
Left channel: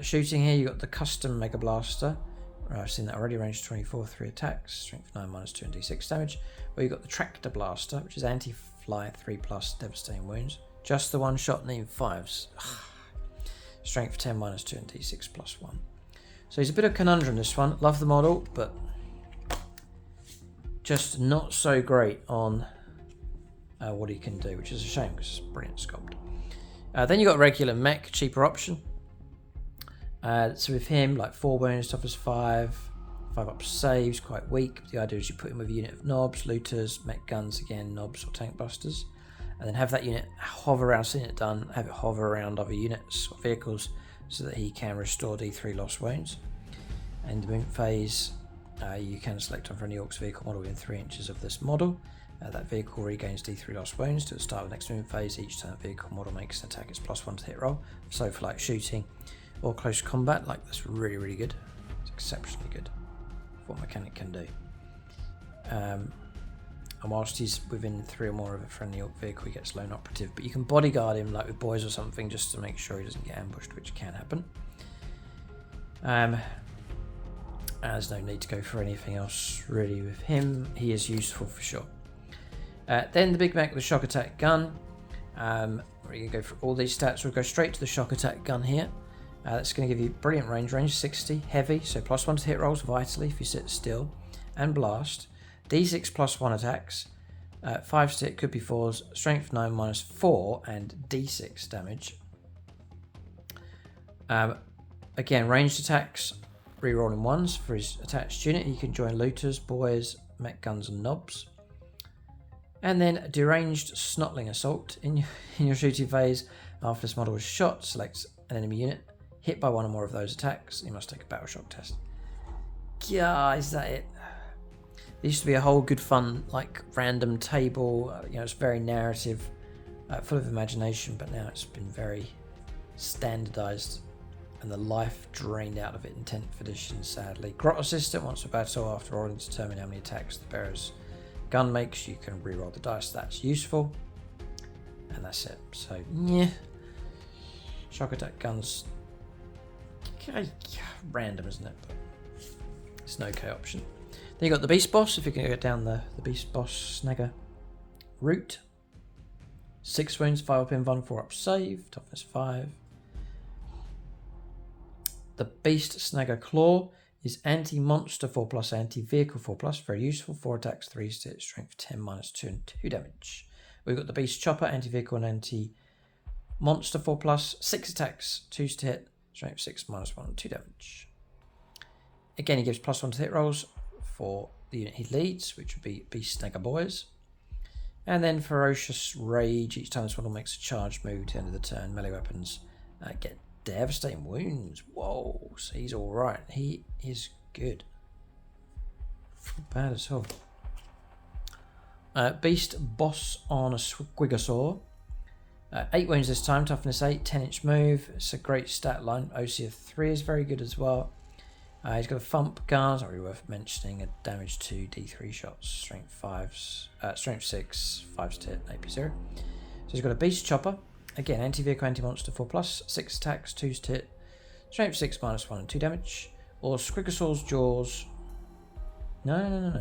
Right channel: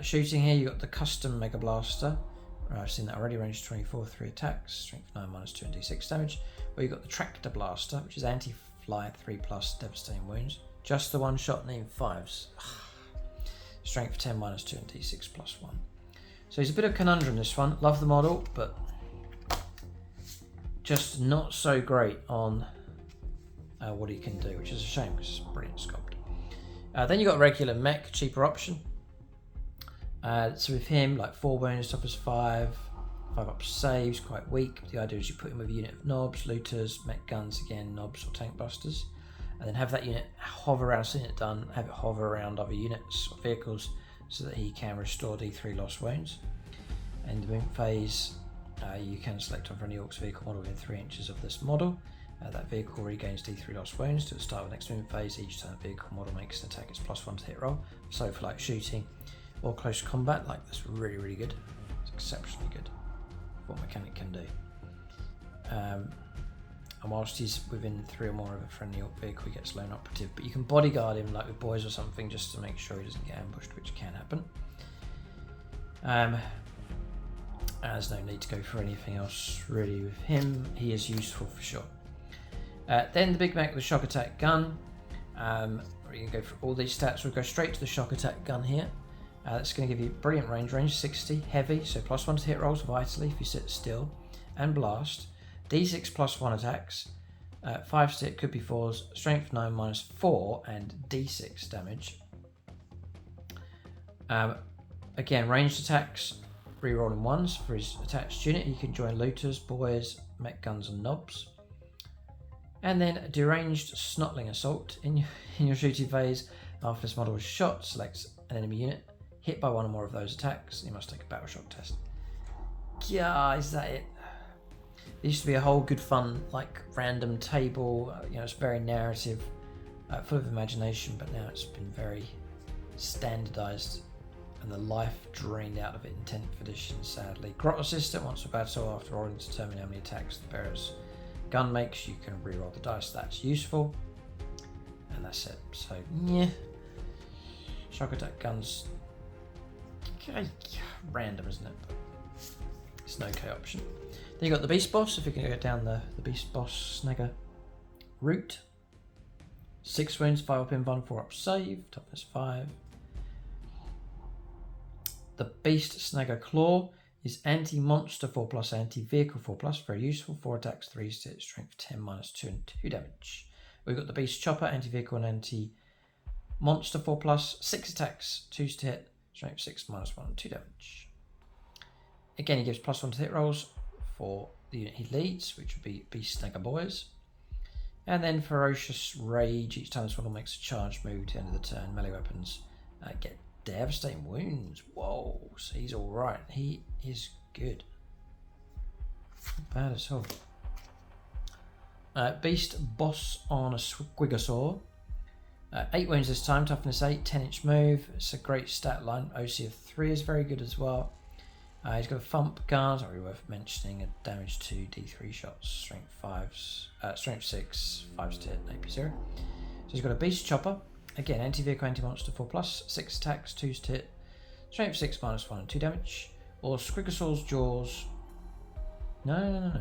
shooting here. You got the custom Mega Blaster. I've seen that already. Range 24, 3 attacks, strength 9, -2 and d6 damage. Where you got the Tractor Blaster, which is anti-fly, 3+, devastating wounds. Just the one shot, need 5s. Strength 10, -2 and d6 +1. So he's a bit of a conundrum, this one. Love the model, but just not so great on what he can do, which is a shame because it's a brilliant sculpt. Then you got regular Mech, cheaper option. So with him, like 4 wounds, toughness 5, 5 up saves, quite weak. The idea is you put him with a unit of knobs, looters, mech guns again, knobs or tank busters, and then have that unit hover around, seeing it done, have it hover around other units or vehicles so that he can restore D3 lost wounds. And the movement phase, you can select on for any Orcs vehicle model within 3 inches of this model. That vehicle regains D3 lost wounds to the start of the next movement phase. Each time that vehicle model makes an attack, it's +1 to hit roll. So for like shooting or close combat, like that's really, really good. It's exceptionally good for what mechanic can do. And whilst he's within 3 or more of a friendly Orc vehicle, he gets lone operative. But you can bodyguard him like with boys or something just to make sure he doesn't get ambushed, which can happen. There's no need to go for anything else really with him. He is useful for sure. Then the Big Mech with the shock attack gun. Where you can go for all these stats. We'll go straight to the shock attack gun here. That's going to give you brilliant range 60, heavy, so +1 to hit rolls vitally if you sit still, and blast. D6 +1 attacks, 5 to hit, could be 4s, strength 9 -4 and D6 damage. Again, ranged attacks, rerolling 1s for his attached unit. You can join looters, boys, mech guns and knobs. And then deranged snotling assault. In your shooting phase, after this model is shot, select an enemy unit. Hit by 1 or more of those attacks, you must take a battle shock test. Yeah, is that it? There used to be a whole good fun, like random table. It's very narrative, full of imagination, but now it's been very standardized and the life drained out of it in 10th edition, sadly. Grot Assistant, once a battle, after rolling to determine how many attacks the bearer's gun makes, you can re-roll the dice. That's useful. And that's it. So, yeah. Shock attack guns. Random, isn't it? But it's an okay option. Then you got the Beast Boss, if you're going to go down the Beast Boss Snagger route. 6 wounds, 5 up invuln, 4 up save, toughness 5. The Beast Snagger Claw is anti-monster 4+, anti-vehicle 4+, very useful. 4 attacks, 3 to hit, strength 10, -2 and 2 damage. We've got the Beast Chopper, anti-vehicle and anti-monster 4+, 6 attacks, 2 to hit, strength 6, -1 and 2 damage. Again, he gives +1 to hit rolls for the unit he leads, which would be Beast Snagger Boys. And then Ferocious Rage, each time this model makes a charge move to the end of the turn, melee weapons get devastating wounds. Whoa, so he's alright. He is good. Not bad at all. Beast Boss on a Squigosaur. 8 wounds this time, toughness 8, 10-inch move. It's a great stat line. OC of 3 is very good as well. He's got a thump gun, not really worth mentioning. A damage 2, D3 shots, strength 5s, strength 6, 5s to hit, AP 0. So he's got a Beast Chopper. Again, anti-vehicle, anti-monster 4+, 6 attacks, 2s to hit, strength 6, -1 and 2 damage. or Squigosaw's Jaws. No.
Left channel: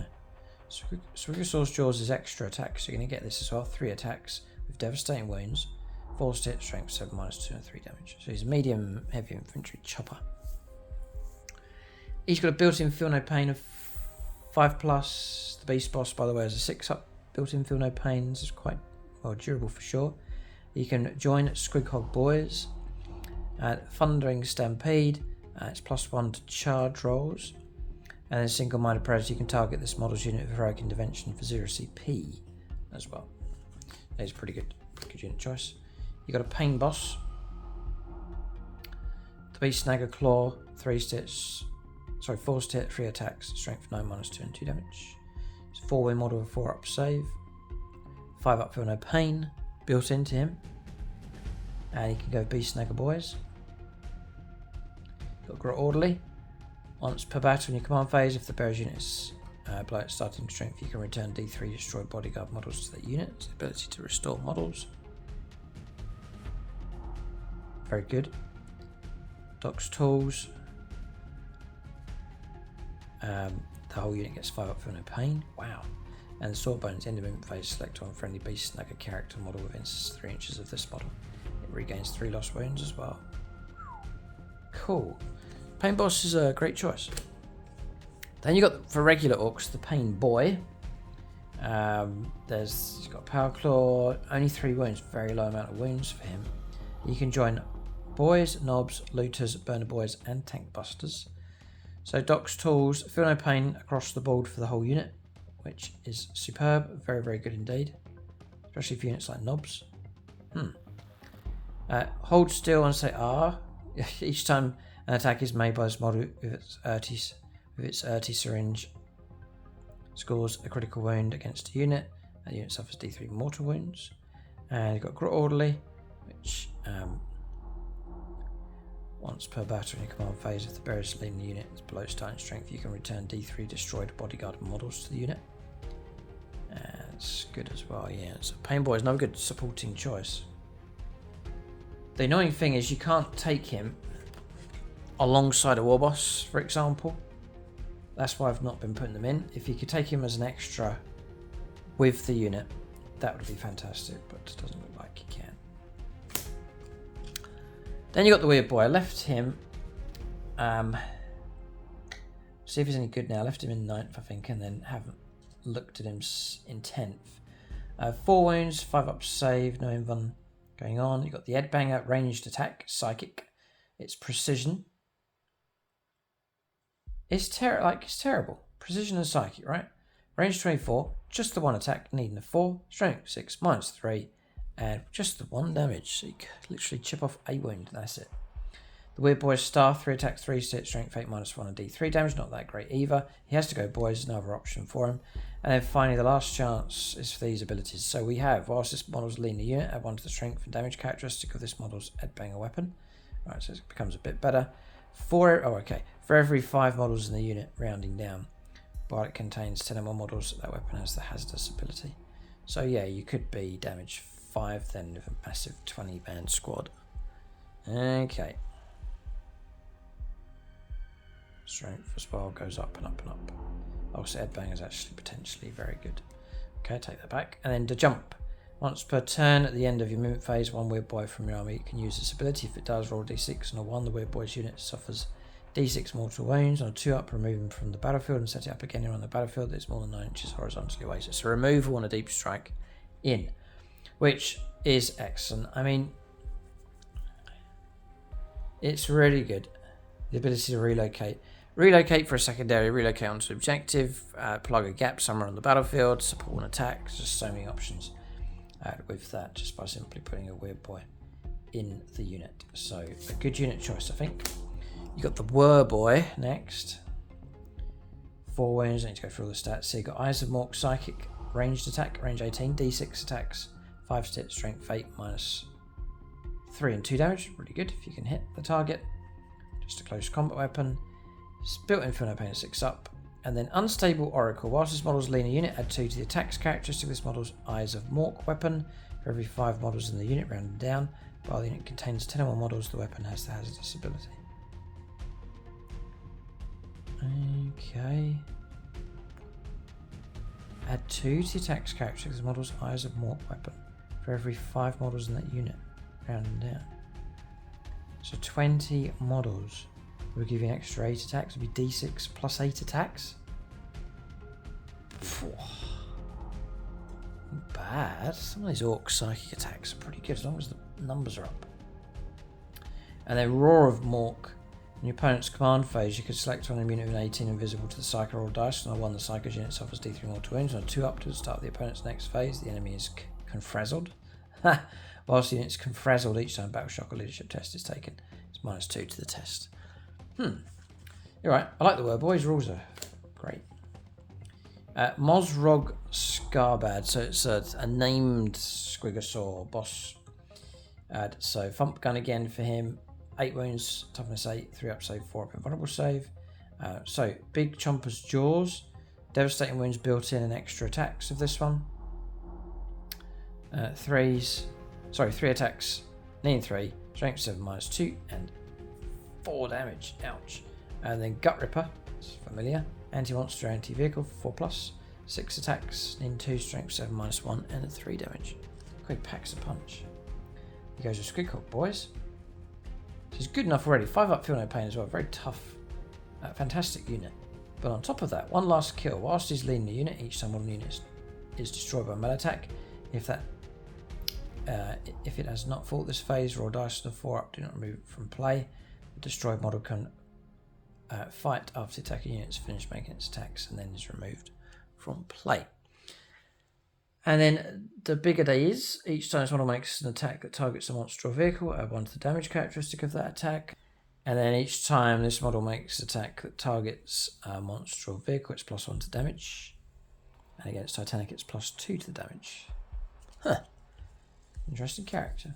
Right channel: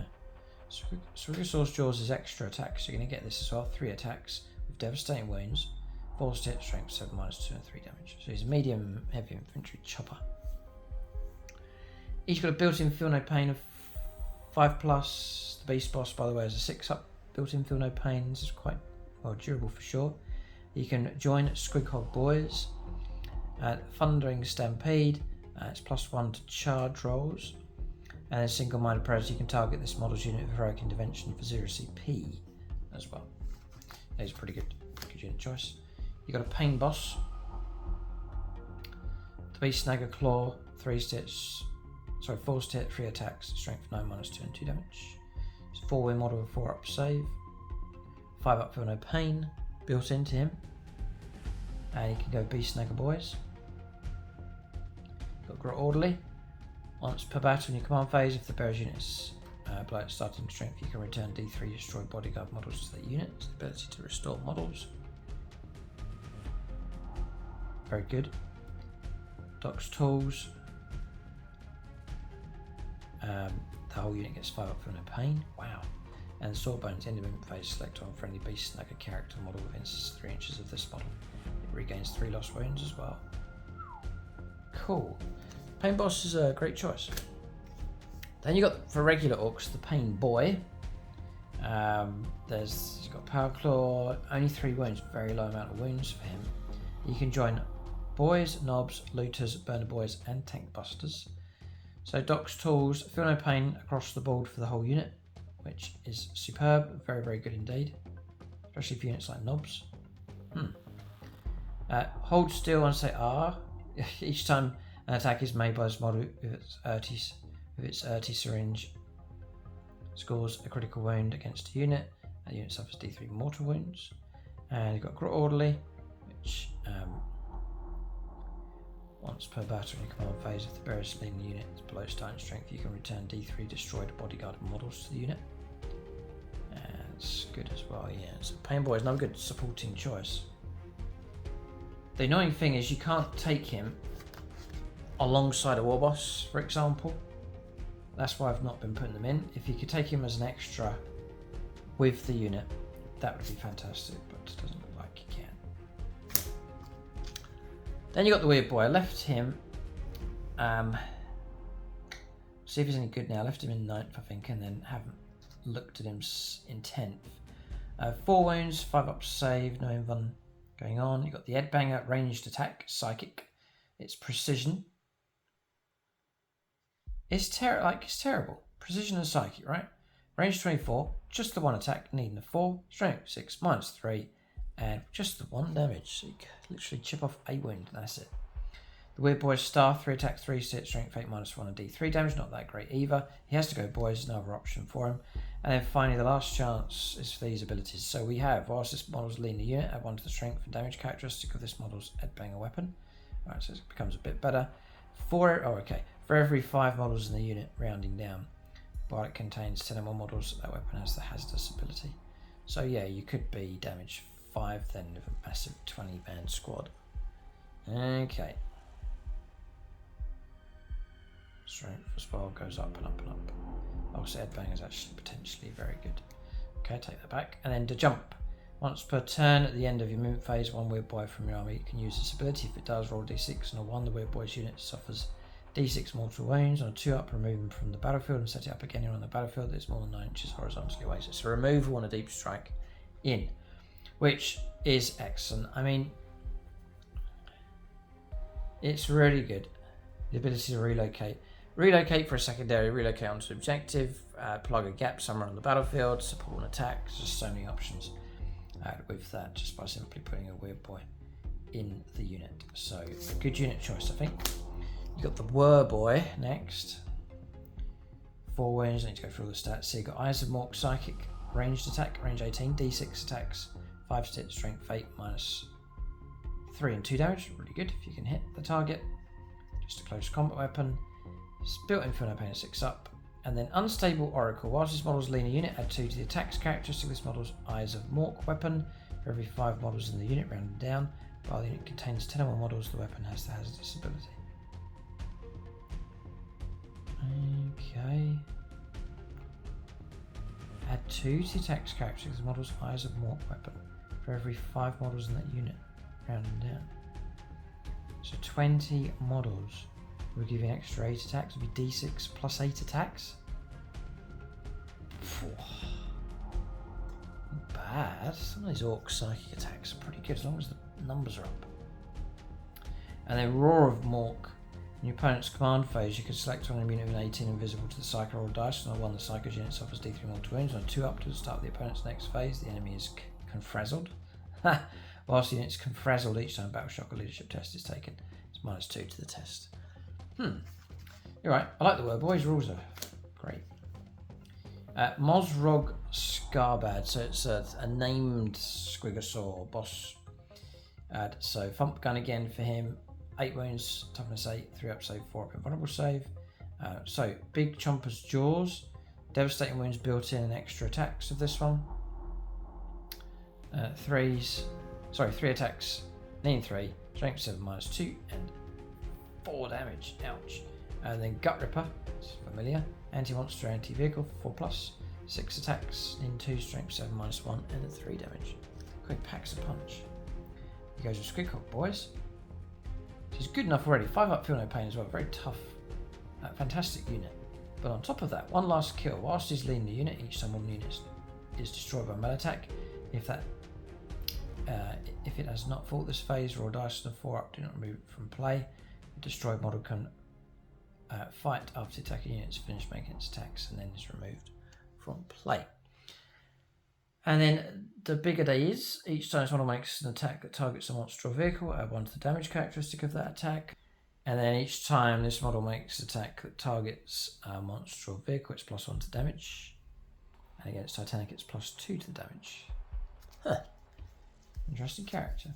Squigosaw's Jaws is extra attack, so you're going to get this as well. 3 attacks with devastating wounds, forced hit, strength 7, -2 and 3 damage. So he's a medium heavy infantry chopper. He's got a built-in feel no pain of 5+. The beast boss, by the way, has a 6-up built-in feel no pain. This is quite well durable for sure. You can join Squighog Boys at Thundering Stampede. It's +1 to charge rolls. And then single-minded prayers, you can target this model's unit with heroic intervention for 0 CP as well. That is pretty good unit choice. You got a pain boss. The beast snagger claw, 4 hit, 3 attacks, strength 9, -2 and 2 damage. It's a 4-win model with 4-up save, 5-up feel no pain built into him. And you can go beast snagger boys. Got Grit Orderly. Once per battle in your command phase, if the bearer's unit is below its starting strength, you can return D3 destroyed bodyguard models to that unit. It's the ability to restore models. Very good. Doc's Tools. The whole unit gets 5-up feel no pain. Wow. And sword bonus, end of movement phase, select on friendly beast snagger character model within 3 inches of this model. It regains 3 lost wounds as well. Cool. Pain boss is a great choice. Then you got, for regular orcs, the Pain Boy. He's got Power Claw, only 3 wounds, very low amount of wounds for him. You can join boys, knobs, looters, burner boys, and tank busters. So Doc's Tools, feel no pain across the board for the whole unit, which is superb, very, very good indeed, especially for units like knobs. Hold still and say R. Each time an attack is made by this model with its Urti syringe scores a critical wound against a unit. That unit suffers D3 mortal wounds. And you've got Grit Orderly, which once per battle in your command phase, if the bearer's leading the unit is below starting strength, you can return D3 destroyed bodyguard models to the unit. It's good as well, yeah. So Pain Boy is no good supporting choice. The annoying thing is you can't take him alongside a war boss, for example. That's why I've not been putting them in. If you could take him as an extra with the unit, that would be fantastic, but it doesn't look like you can. Then you got the weird boy. I left him. See if he's any good now. I left him in 9th, I think, and then haven't looked at him in 10th. 4 wounds, 5-up save, no invuln going on. You got the Headbanger, ranged attack, psychic. It's precision. It's terrible. Precision and psychic, right? Range 24, just the 1 attack, needing a 4, strength 6, -3, and just the 1 damage. So you can literally chip off a wound, and that's it. The weird boy's staff, 3 attacks, 3 hit, strength 8, -1 and D3 damage. Not that great either. He has to go boys, another option for him. And then finally, the last chance is for these abilities. So we have, whilst this model's leading the unit, add 1 to the strength and damage characteristic of this model's Headbanger weapon. Right, so it becomes a bit better. For every 5 models in the unit, rounding down, but it contains 10 or more models, that weapon has the hazardous ability. So yeah, you could be damage 5 then with a massive 20-man squad. Okay. Strength as well goes up and up and up. Also, Headbanger is actually potentially very good. Okay, take that back. And then to jump. Once per turn at the end of your movement phase, 1 weird boy from your army can use this ability. If it does, roll D6 and a 1. The weird boy's unit suffers D6 mortal wounds. On a 2-up, remove him from the battlefield and set it up again on the battlefield that's more than 9 inches horizontally away. So it's a removal on a deep strike in, which is excellent. I mean, it's really good. The ability to relocate. Relocate for a secondary, relocate onto objective, plug a gap somewhere on the battlefield, support an attack. There's just so many options with that, just by simply putting a weird boy in the unit. So a good unit choice, I think. You got the Whir Boy next. 4 wounds, I need to go through all the stats. So you got Eyes of Mork, Psychic, ranged attack, range 18, D6 attacks, 5 hit, strength 8, -3 and 2 damage. Really good if you can hit the target. Just a close combat weapon. It's built-in feel no pain at 6-up. And then Unstable Oracle. Whilst this model's leaner unit, add 2 to the attacks characteristic of this model's Eyes of Mork weapon. For every 5 models in the unit, rounded down. While the unit contains 10 or more models, the weapon has the hazardous ability. Okay. Add 2 to attacks characters the model's highest of Mork weapon for every 5 models in that unit, rounding down. So 20 models will give you an extra 8 attacks. It'll be d6 plus 8 attacks. Not bad. Some of these Orc psychic attacks are pretty good as long as the numbers are up. And then Roar of Mork. In your opponent's command phase, you can select on a unit with an 18 invisible to the Psycho roll dice. On a 1, the Psycho's unit suffers D3 mortal wounds. On a 2 up to the start of the opponent's next phase, the enemy is confrazzled. Whilst the unit's confrazzled each time battle shock or leadership test is taken. It's -2 to the test. Alright, I like the word boys. Rules are great. Mozrog Scarbad. So it's a named Squigosaur boss. So Thump Gun again for him. 8 wounds, toughness 8, 3 up save, 4 up invulnerable save. So Big Chomper's Jaws. Devastating wounds built in and extra attacks of this one. 3 attacks, needing 3, strength 7 -2, and 4 damage. Ouch. And then Gut Ripper, it's familiar. Anti-monster, anti-vehicle, 4+, 6 attacks, needing 2, strength 7 -1, and 3 damage. Quick packs a punch. He goes with Squidcock, boys. She's good enough already. 5 up, feel no pain as well. Very tough, fantastic unit. But on top of that, 1 last kill. Whilst he's leading the unit, each time one unit is destroyed by a melee attack. If it has not fought this phase, roll dice on a 4 up. Do not remove it from play. The destroyed model can fight after the attacking unit has finished making its attacks and then is removed from play. And then the bigger day is, each time this model makes an attack that targets a monster or vehicle, add 1 to the damage characteristic of that attack. And then each time this model makes an attack that targets a monster or vehicle, it's +1 to damage. And against Titanic, it's +2 to the damage. Interesting character.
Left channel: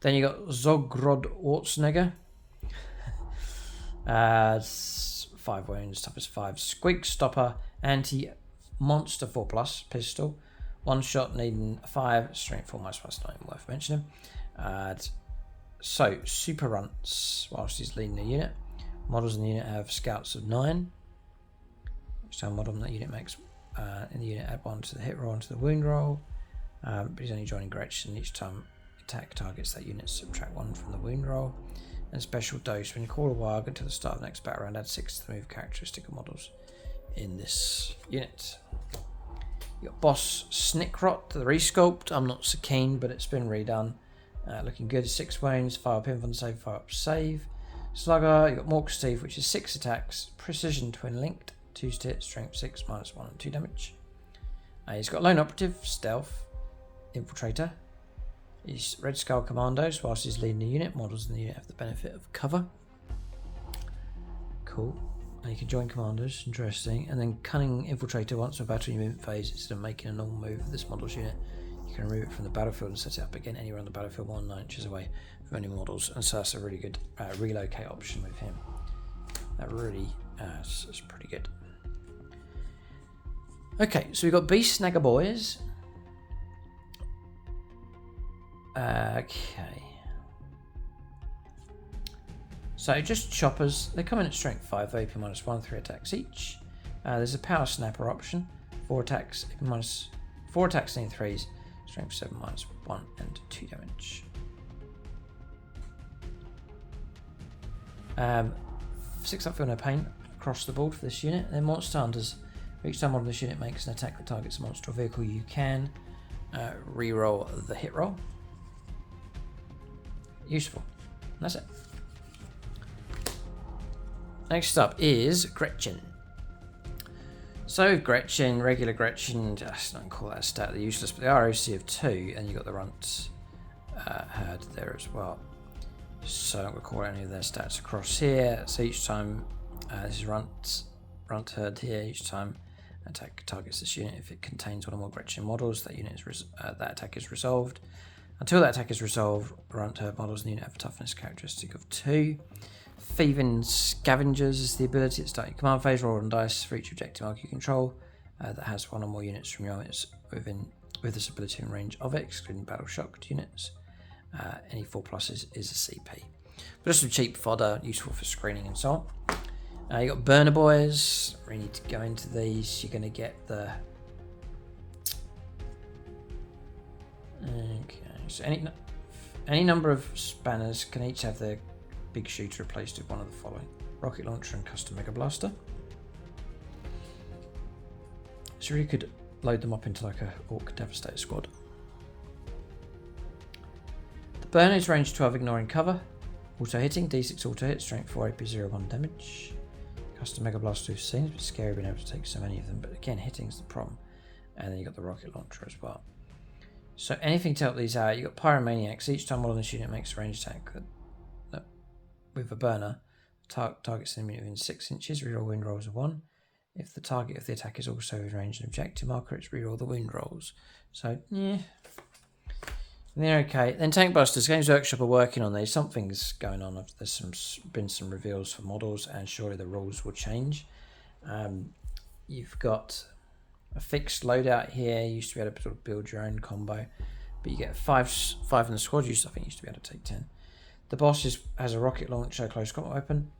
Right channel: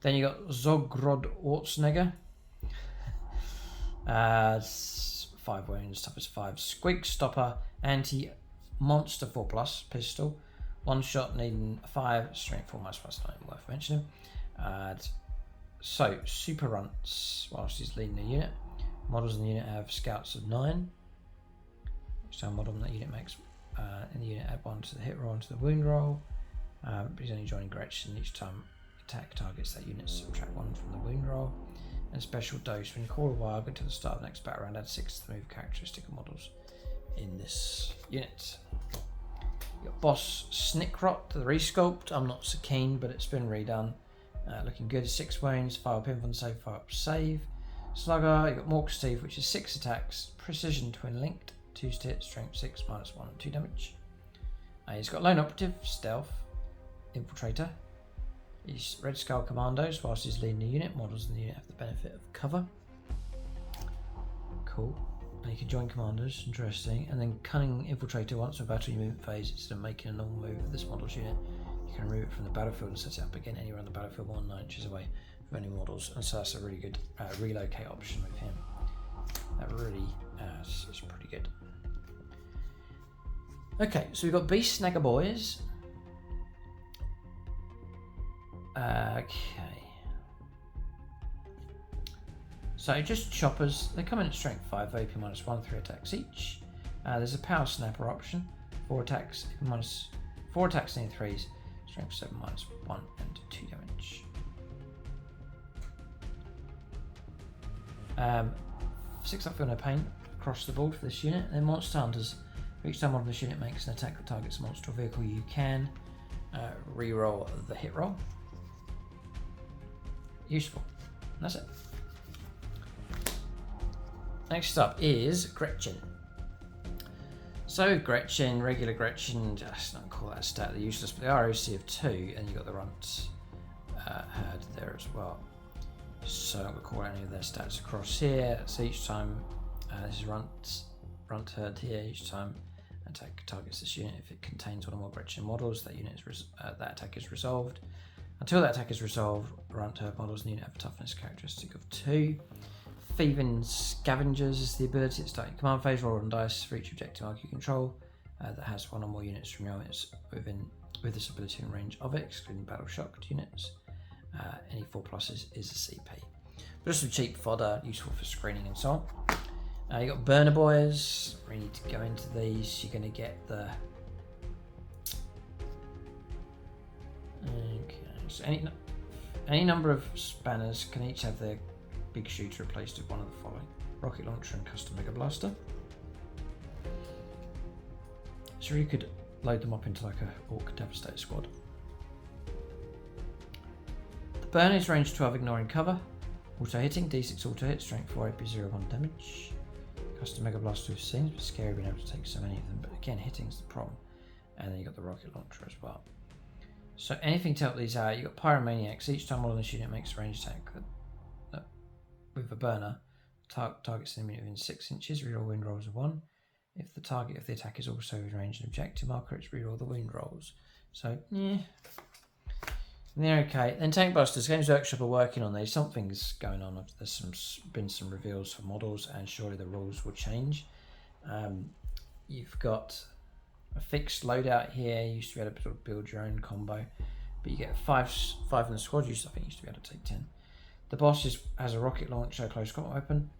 Then you got Zogrod Ortsnegger. 5 wounds, toughness 5. Squig Stopper, anti-monster 4+, pistol. 1 shot needing 5, strength 4 -1, not even worth mentioning. So, super runts whilst he's leading the unit. Models in the unit have scouts of 9. Each time model in that unit makes in the unit add 1 to the hit roll and to the wound roll. But he's only joining Gretchen. Each time attack targets that unit, subtract 1 from the wound roll. And special dose, when you call a WAAAGH until the start of the next battle round, add 6 to the move characteristic of models in this unit. You got Boss Snickrot, the resculpt. I'm not so keen, but it's been redone. Looking good. 6 wounds, 5 up invuln save, 5 up save. Slugger, you got Mork's Teeth, which is 6 attacks, precision twin linked, 2 hit, strength 6 -1 and 2 damage. He's got Lone Operative, Stealth, Infiltrator. He's Red Skull Commandos. Whilst he's leading the unit, models in the unit have the benefit of cover. Cool. And you can join commandos, interesting. And then Cunning Infiltrator, once a battle movement phase, instead of making a normal move with this model's unit, you can remove it from the battlefield and set it up again anywhere on the battlefield 1 9 inches away from any models. And so that's a really good relocate option with him. That really is pretty good. Okay, so we've got Beast Snagger Boys. Okay. So just choppers. They come in at strength 5, AP -1, 3 attacks each. There's a power snapper option. 4 attacks, -4 attacks in 3s, strength 7 -1 and 2 damage. 6 up, feel no pain across the board for this unit. And then Monster Hunters. Each time one of this unit makes an attack that targets a monster or vehicle, you can re-roll the hit roll. Useful. That's it. Next up is Gretchen. So Gretchen, regular Gretchen, just don't call that a stat, they're useless, but the ROC of 2, and you've got the runt herd there as well. So I'm going to call any of their stats across here. So each time, this is runt herd here, each time attack targets this unit, if it contains one or more Gretchen models, that unit is that attack is resolved. Until that attack is resolved, runt herd models in the unit have a toughness characteristic of 2. Thieving Scavengers is the ability at start your command phase. Roll on dice for each objective mark you control that has one or more units from your units with this ability in range of it, excluding battle shocked units. Any 4+ is a CP. But just some cheap fodder, useful for screening and so You got burner boys. We need to go into these. You're going to get the... Okay, so any number of spanners can each have their big shooter replaced with one of the following: rocket launcher and custom mega blaster. So you could load them up into like a Ork Devastator squad. The burner is range 12, ignoring cover. Auto hitting, D6 auto hit, strength 4, AP 0, 1 damage. Custom mega blaster we've seen. It's a bit scary being able to take so many of them, but again, hitting's the problem. And then you got the rocket launcher as well. So anything to help these out, you got Pyromaniacs. Each time one of this unit makes a ranged attack with a burner, targets an enemy within 6 inches, reroll wind rolls of 1. If the target of the attack is also within range and objective marker, it's reroll the wind rolls. So, yeah. They're okay. Then Tank Busters. Games Workshop are working on these. Something's going on. There's been some reveals for models, and surely the rules will change. You've got a fixed loadout here. You used to be able to sort of build your own combo, but you get five in the squad. I think you used to be able to take 10. The boss has a rocket launcher, close combat weapon.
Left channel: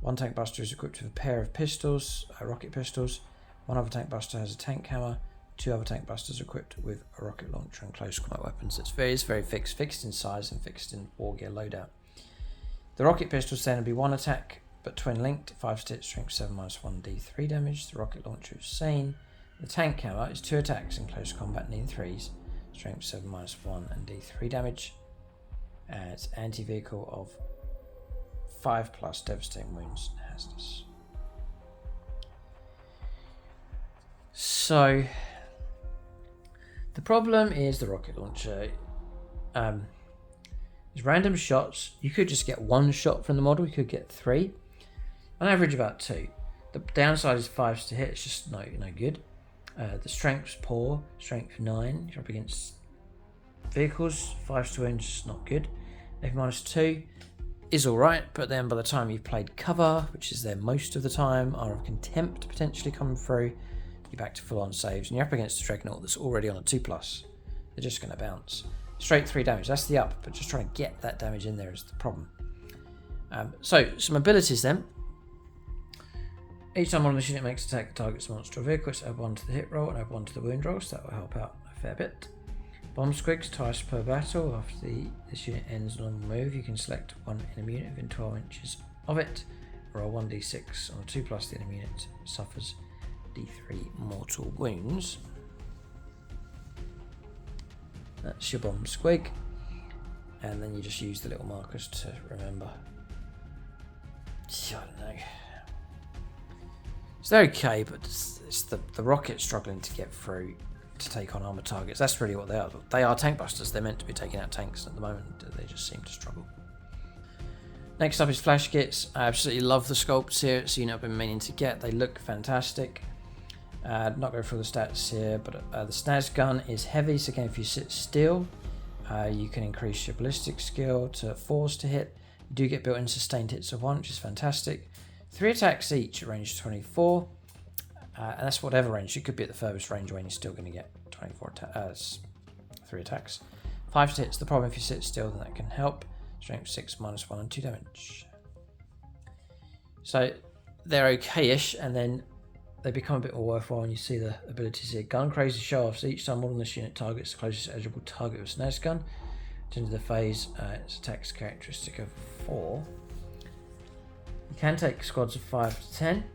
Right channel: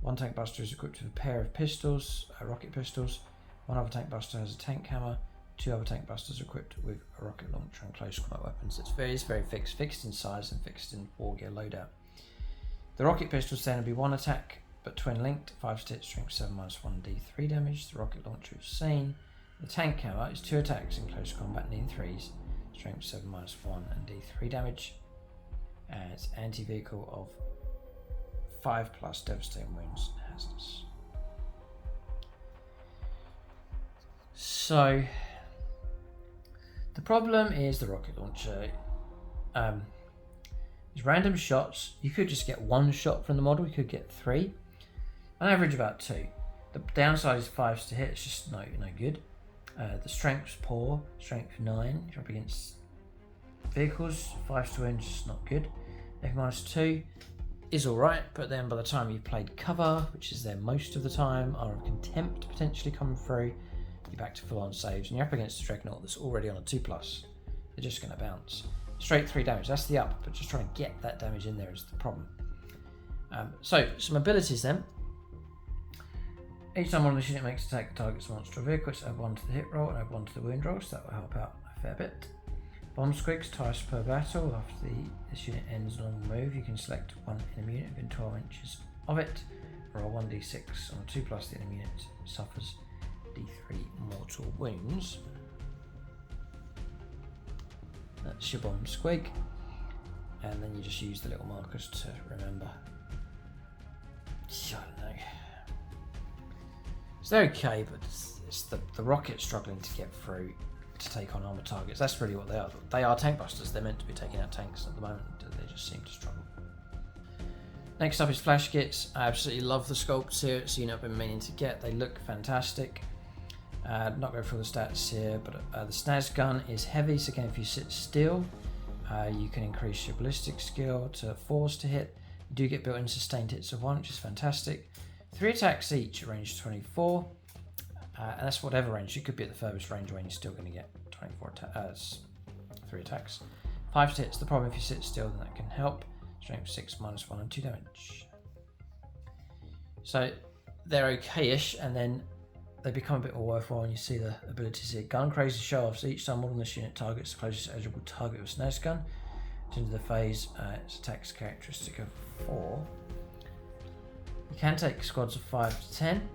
One Tank Buster is equipped with a pair of pistols, rocket pistols. One other Tank Buster has a tank hammer. 2 other Tank Busters equipped with a rocket launcher and close combat weapons. It's very fixed in size and fixed in war gear loadout. The rocket pistols then will be 1 attack, but twin linked, 5 hit, strength 7 minus 1 D3 damage. The rocket launcher is sane. The tank hammer is 2 attacks in close combat, needing 3s, strength 7 minus 1 and D3 damage. It's anti-vehicle of 5 plus devastating wounds and hazardous. So the problem is the rocket launcher. There's random shots. You could just get 1 shot from the model. You could get 3. On average, about 2. The downside is 5s to hit. It's just no good. The strength's poor. Strength 9. You're up against vehicles. 5s to wound, just not good. F minus 2 is alright, but then by the time you've played cover, which is there most of the time, Hour of Contempt potentially coming through, you're back to full on saves, and you're up against a Dreadnought that's already on a 2+. They're just going to bounce. Straight 3 damage, that's the up, but just trying to get that damage in there is the problem. So, some abilities then. Each time one of the unit makes attack, targets a monster or vehicle, add 1 to the hit roll and add 1 to the wound roll, so that will help out a fair bit. Bomb squigs twice per battle. After this unit ends on the move, you can select one enemy unit within 12 inches of it. Roll 1d6 on a 2+. The enemy unit suffers d3 mortal wounds. That's your bomb squig. And then you just use the little markers to remember. I don't know. So they're okay, but it's the rocket struggling to get through to take on armor targets. That's really what they are. They are tank busters. They're meant to be taking out tanks. At the moment, they just seem to struggle. Next up is flash kits. I absolutely love the sculpts here. It's a unit I've been meaning to get. They look fantastic. Not go through the stats here, but the snaz gun is heavy. So again, if you sit still, you can increase your ballistic skill to 4s to hit. You do get built-in sustained hits of 1, which is fantastic. 3 attacks each at range 24. And that's whatever range. You could be at the furthest range when you're still going to get 3 attacks. 5 hits. The problem if you sit still, then that can help. Strength 6 minus 1 and 2 damage. So they're okay-ish, and then they become a bit more worthwhile when you see the abilities here. Gun crazy show-offs. Each time one of this unit targets the closest eligible target with a snaz gun. At the end of the phase, its attack's characteristic of 4. You can take squads of 5 to 10.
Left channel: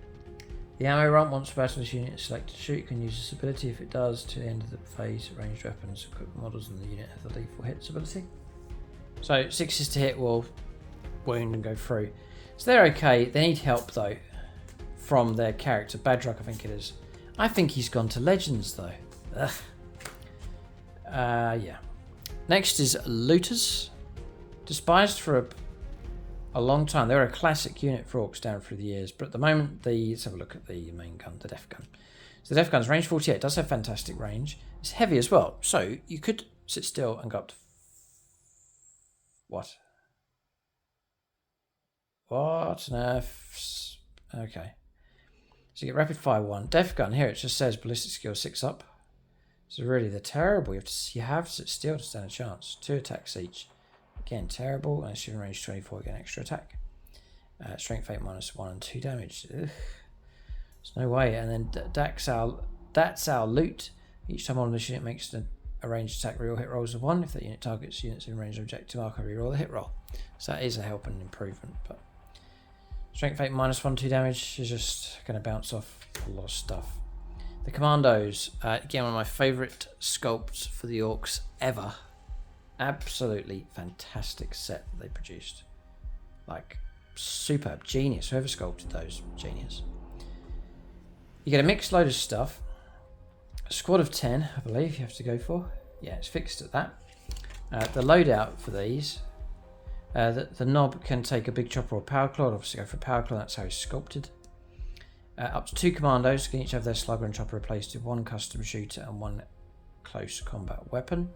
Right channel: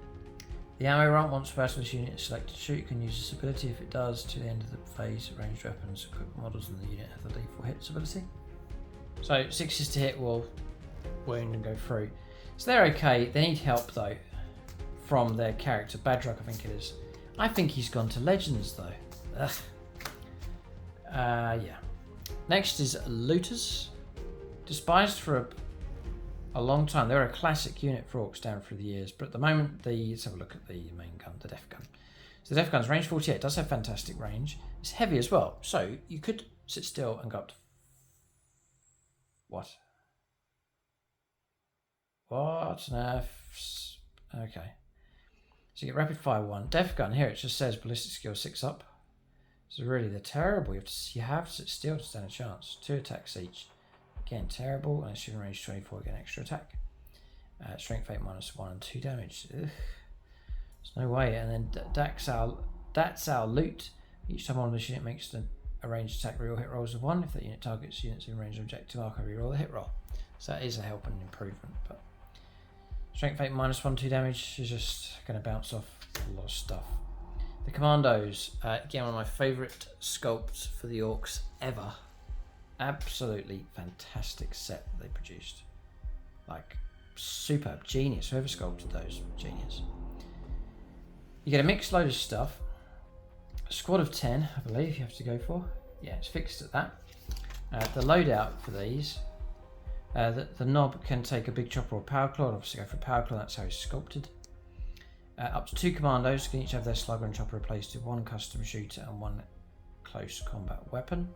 The ammo run, once the battle this unit is selected to shoot, you can use this ability. If it does, to the end of the phase, ranged weapons, equipped models in the unit have the lethal hits ability. So 6s to hit will wound and go through. So they're okay. They need help though from their character. Badrock, I think it is. I think he's gone to Legends though. Yeah. Next is Looters. Despised for a long time. They're a classic unit for Orks down through the years, but at the moment, let's have a look at the main gun, the Def Gun. So the Def Gun's range 48, does have fantastic range. It's heavy as well, so you could sit still and go up to... What? No. Okay. So you get rapid fire 1. Def Gun, here it just says ballistic skill 6 up. So really, they're terrible. You have to sit still to stand a chance. 2 attacks each. Again, terrible, and it's in range 24, get an extra attack. Strength 8 -1 and 2 damage. Ugh. There's no way. And then that's our loot. Each time on this unit makes a ranged attack reroll hit rolls of 1. If that unit targets units in range of objective marker, reroll the hit roll. So that is a help and an improvement. But Strength 8 -1, 2 damage is just going to bounce off a lot of stuff. The Commandos, again, one of my favourite sculpts for the Orks ever. Absolutely fantastic set that they produced. Like, superb, genius. Whoever sculpted those, genius. You get a mixed load of stuff. A squad of 10, I believe you have to go for. Yeah, it's fixed at that. The loadout for these, the knob can take a big chopper or power claw. Obviously go for power claw, that's how it's sculpted. Up to 2 commandos can each have their slugger and chopper replaced with 1 custom shooter and 1 close combat weapon.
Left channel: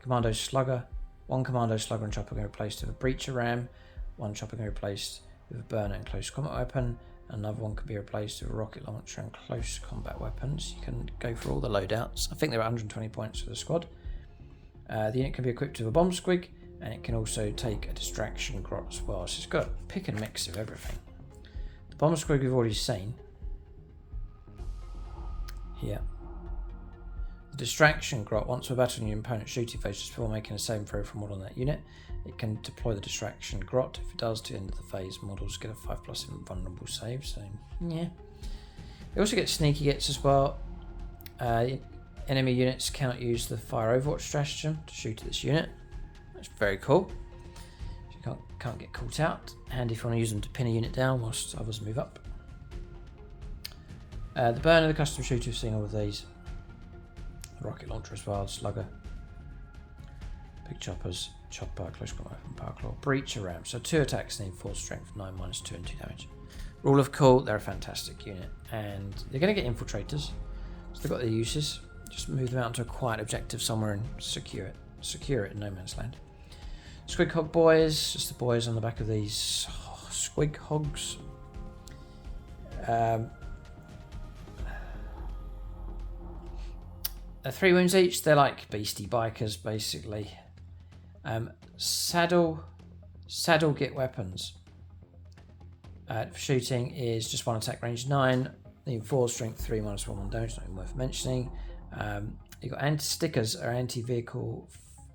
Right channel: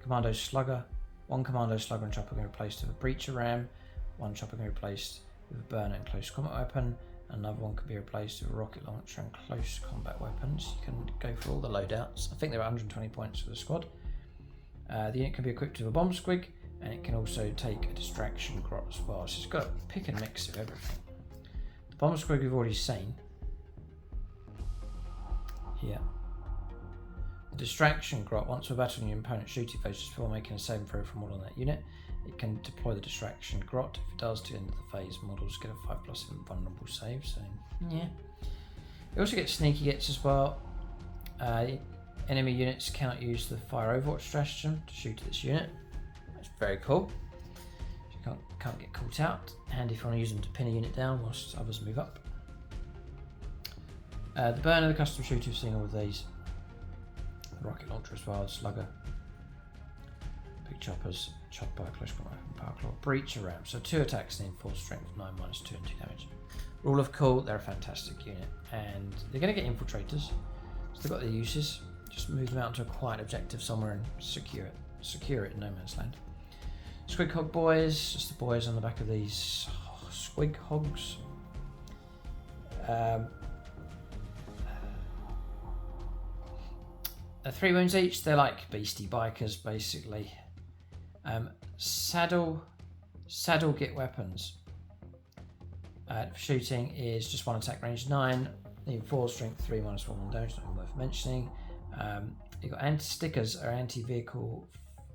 Commando slugger, 1 commando slugger and chopper can be replaced with a breacher ram, 1 chopper can be replaced with a burner and close combat weapon, another one can be replaced with a rocket launcher and close combat weapons. You can go for all the loadouts. I think they're 120 points for the squad. The unit can be equipped with a bomb squig, and it can also take a distraction grot as well. So it's got a pick and mix of everything. The bomb squig we've already seen. Here. The distraction grot, once we're battling your opponent's shooting phase just before making a saving throw for a model on that unit, it can deploy the distraction grot. If it does, to the end of the phase, models get a 5+ invulnerable save. So yeah. It also gets sneaky gets as well. Enemy units cannot use the fire overwatch stratagem to shoot at this unit. That's very cool. You can't get caught out. Handy if you want to use them to pin a unit down whilst others move up. The burner, the custom shooter, you've seen all of these. The rocket launcher as well, slugger, big choppers, chopper, close combat weapon, power claw, breacher ram. So 2 attacks need 4 strength, 9 -2 and 2 damage. Rule of cool, they're a fantastic unit, and they're going to get infiltrators. So they've got their uses. Just move them out into a quiet objective somewhere and secure it in no man's land. Squig hog boys, just the boys on the back of these squig hogs. 3 wounds each. They're like beastie bikers basically. Saddle get weapons. Shooting is just 1 attack, range 9. Need 4 strength, 3 -1 damage. Not even worth mentioning. You've got stickers are anti-vehicle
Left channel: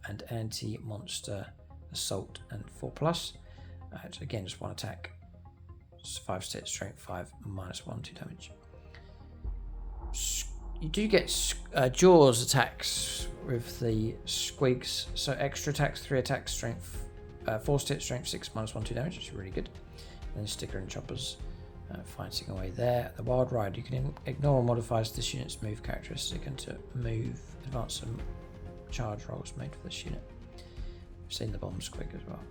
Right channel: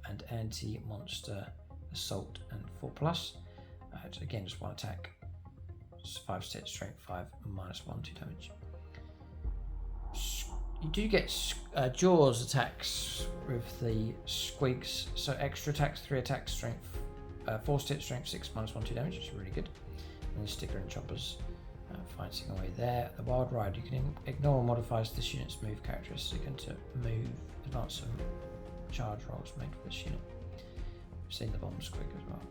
and anti-monster assault and 4+. Again, just 1 attack. 5 stat strength, 5 -1, 2 damage. You do get jaws attacks with the squigs, so extra attacks, 3 attacks, strength, 4 stat strength, 6 -1, 2 damage, which is really good. And sticker and choppers fighting away there. The wild ride, you can ignore or modifies this unit's move characteristic into move, advance and charge rolls made for this unit. We've seen the bomb squig as well.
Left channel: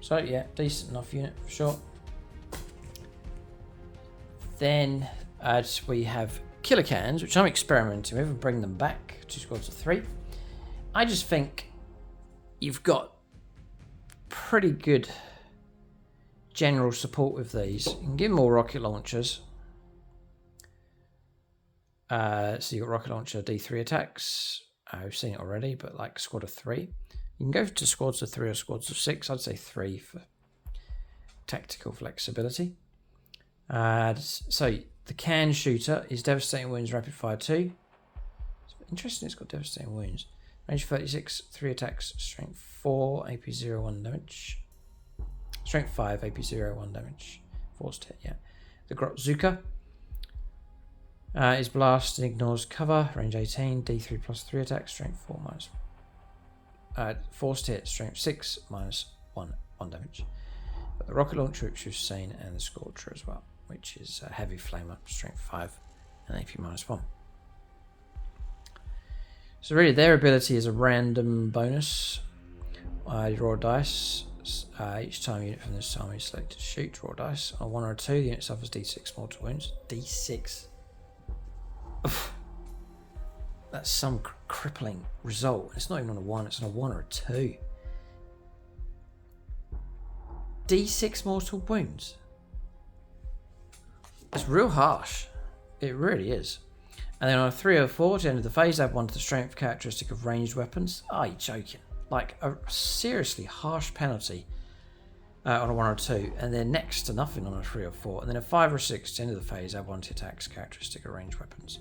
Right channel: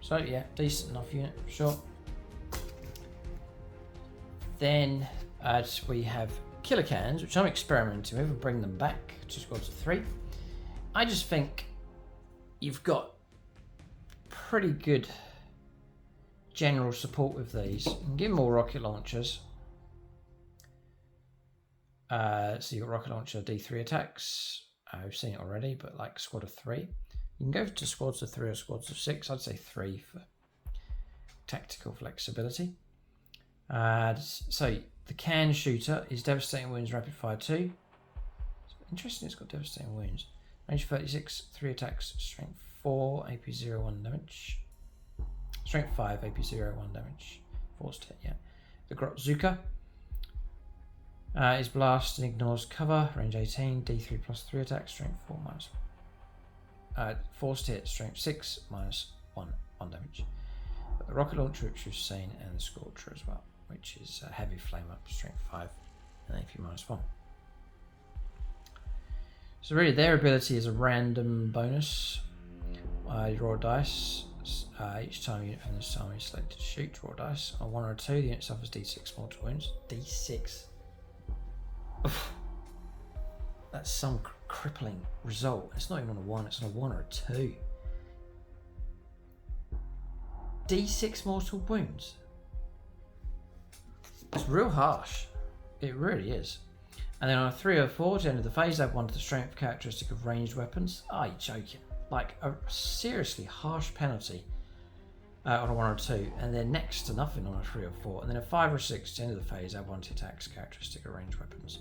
So yeah, decent enough unit for sure. Then we have killer cans, which I'm experimenting with and bring them back to squads of 3. I just think you've got pretty good general support with these. You can give them all rocket launchers. So you've got rocket launcher D3 attacks. We've seen it already, but like squad of 3. You can go to squads of 3 or squads of 6. I'd say 3 for tactical flexibility. So the can shooter is devastating wounds, rapid fire 2. It's interesting, it's got devastating wounds. Range 36, 3 attacks, strength 4, AP 0, 1 damage. Strength 5, AP 0, 1 damage. Forced hit, yeah. The Grotzuka is blast and ignores cover. Range 18, D3 plus 3 attacks, strength 4 forced hit, strength 6, -1 damage. But the rocket launcher, which we've seen, and the Scorcher as well, which is a heavy flame up, strength 5 and AP -1. So really their ability is a random bonus. You roll dice. Each time a unit from this army is selected to shoot, roll dice. On 1 or 2, the unit suffers D6 mortal wounds. D6. Oof. That's some crippling result. It's not even on a 1, it's on a 1 or a 2. D6 mortal wounds. It's real harsh. It really is. And then on a 3 or 4, at the end of the phase, add 1 to the strength characteristic of ranged weapons. Are you joking? Like a seriously harsh penalty. on a 1 or 2, and then next to nothing on a 3 or 4, and then a 5 or 6 at the end of the phase, add 1 to attacks, characteristic of ranged weapons.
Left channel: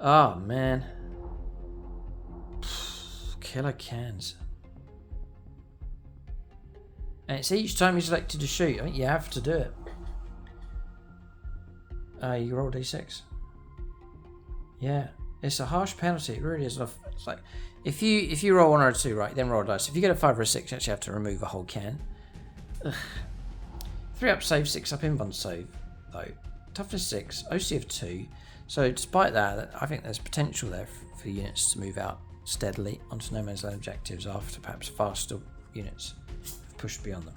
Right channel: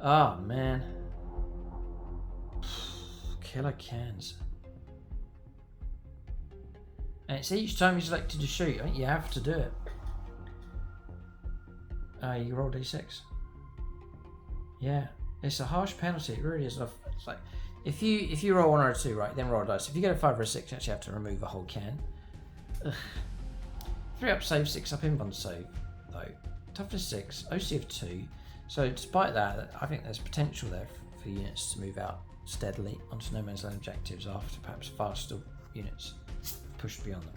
Oh man. Killer cans. And it's each time you selected to shoot. I think you have to do it. You roll d6. Yeah, it's a harsh penalty. It really is. It's like if you roll 1 or 2, right, then roll a dice. If you get a 5 or a 6, you actually have to remove a whole can. Ugh. 3 up save, 6 up invuln save, though. Toughness 6, OC of 2. So despite that, I think there's potential there for units to move out steadily onto no man's land objectives after perhaps faster units have pushed beyond them.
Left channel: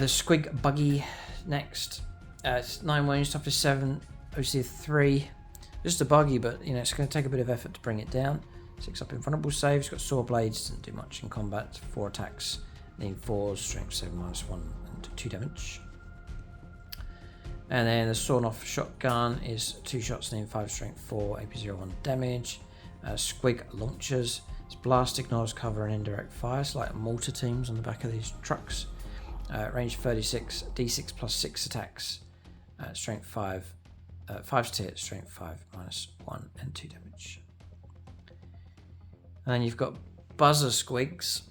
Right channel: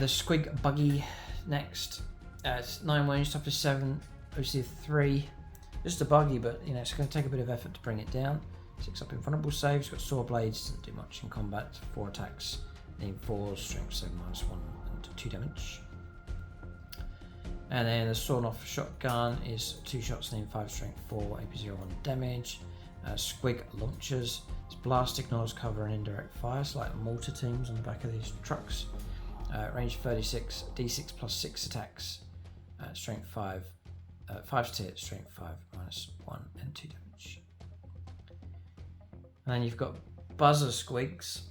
The Squig Buggy next. It's 9 wounds, toughness 7, OC of 3. Just a buggy, but it's going to take a bit of effort to bring it down. 6 up invulnerable save. It's got sword blades, doesn't do much in combat. 4 attacks. Need 4, strength 7 minus 1 and 2 damage. And then the sawn off shotgun is 2 shots, need 5 strength 4, AP01 damage. Squig launchers. It's blast, ignores cover and indirect fire. It's like mortar teams on the back of these trucks. Range 36, D6 plus 6 attacks. Strength 5, 5 to hit, strength 5 minus 1 and 2 damage. And then you've got buzzer squigs.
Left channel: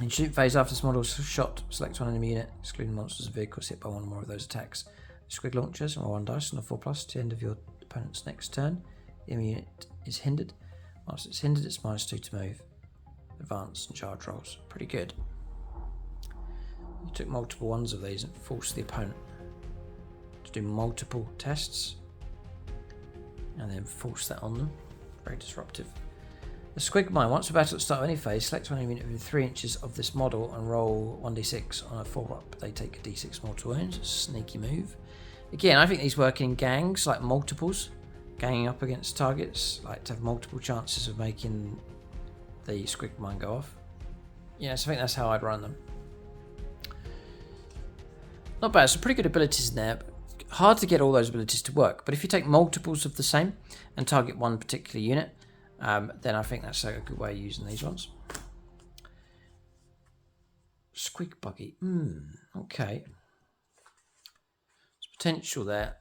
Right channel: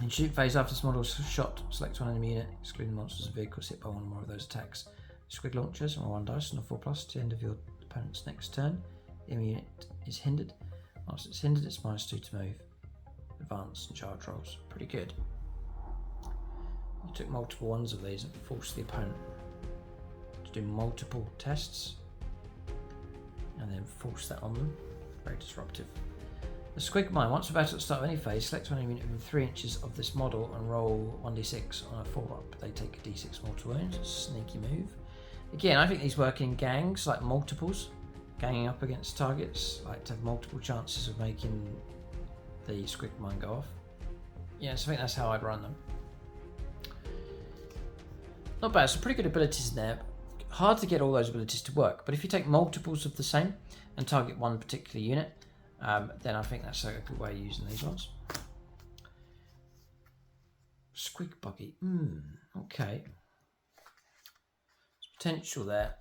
In shoot phase, after this model is shot, select one enemy unit, excluding monsters and vehicles hit by 1 or more of those attacks. Squig launchers roll 1 dice on a 4+ to the end of your opponent's next turn. The enemy unit is hindered. Once it's hindered, it's -2 to move, advance, and charge rolls. Pretty good. You took multiple ones of these and forced the opponent to do multiple tests, and then force that on them. Very disruptive. The Squig Mine. Once a battle at the start of any phase, select one enemy unit within 3 inches of this model and roll 1d6 on a 4-up. They take a d6 mortal wounds. It's a sneaky move. Again, I think these work in gangs, like multiples, ganging up against targets, like to have multiple chances of making the Squig Mine go off. Yes, I think that's how I'd run them. Not bad. Some pretty good abilities in there. Hard to get all those abilities to work, but if you take multiples of the same and target one particular unit, then I think that's a good way of using these ones. Squig Buggy. Okay. There's potential there.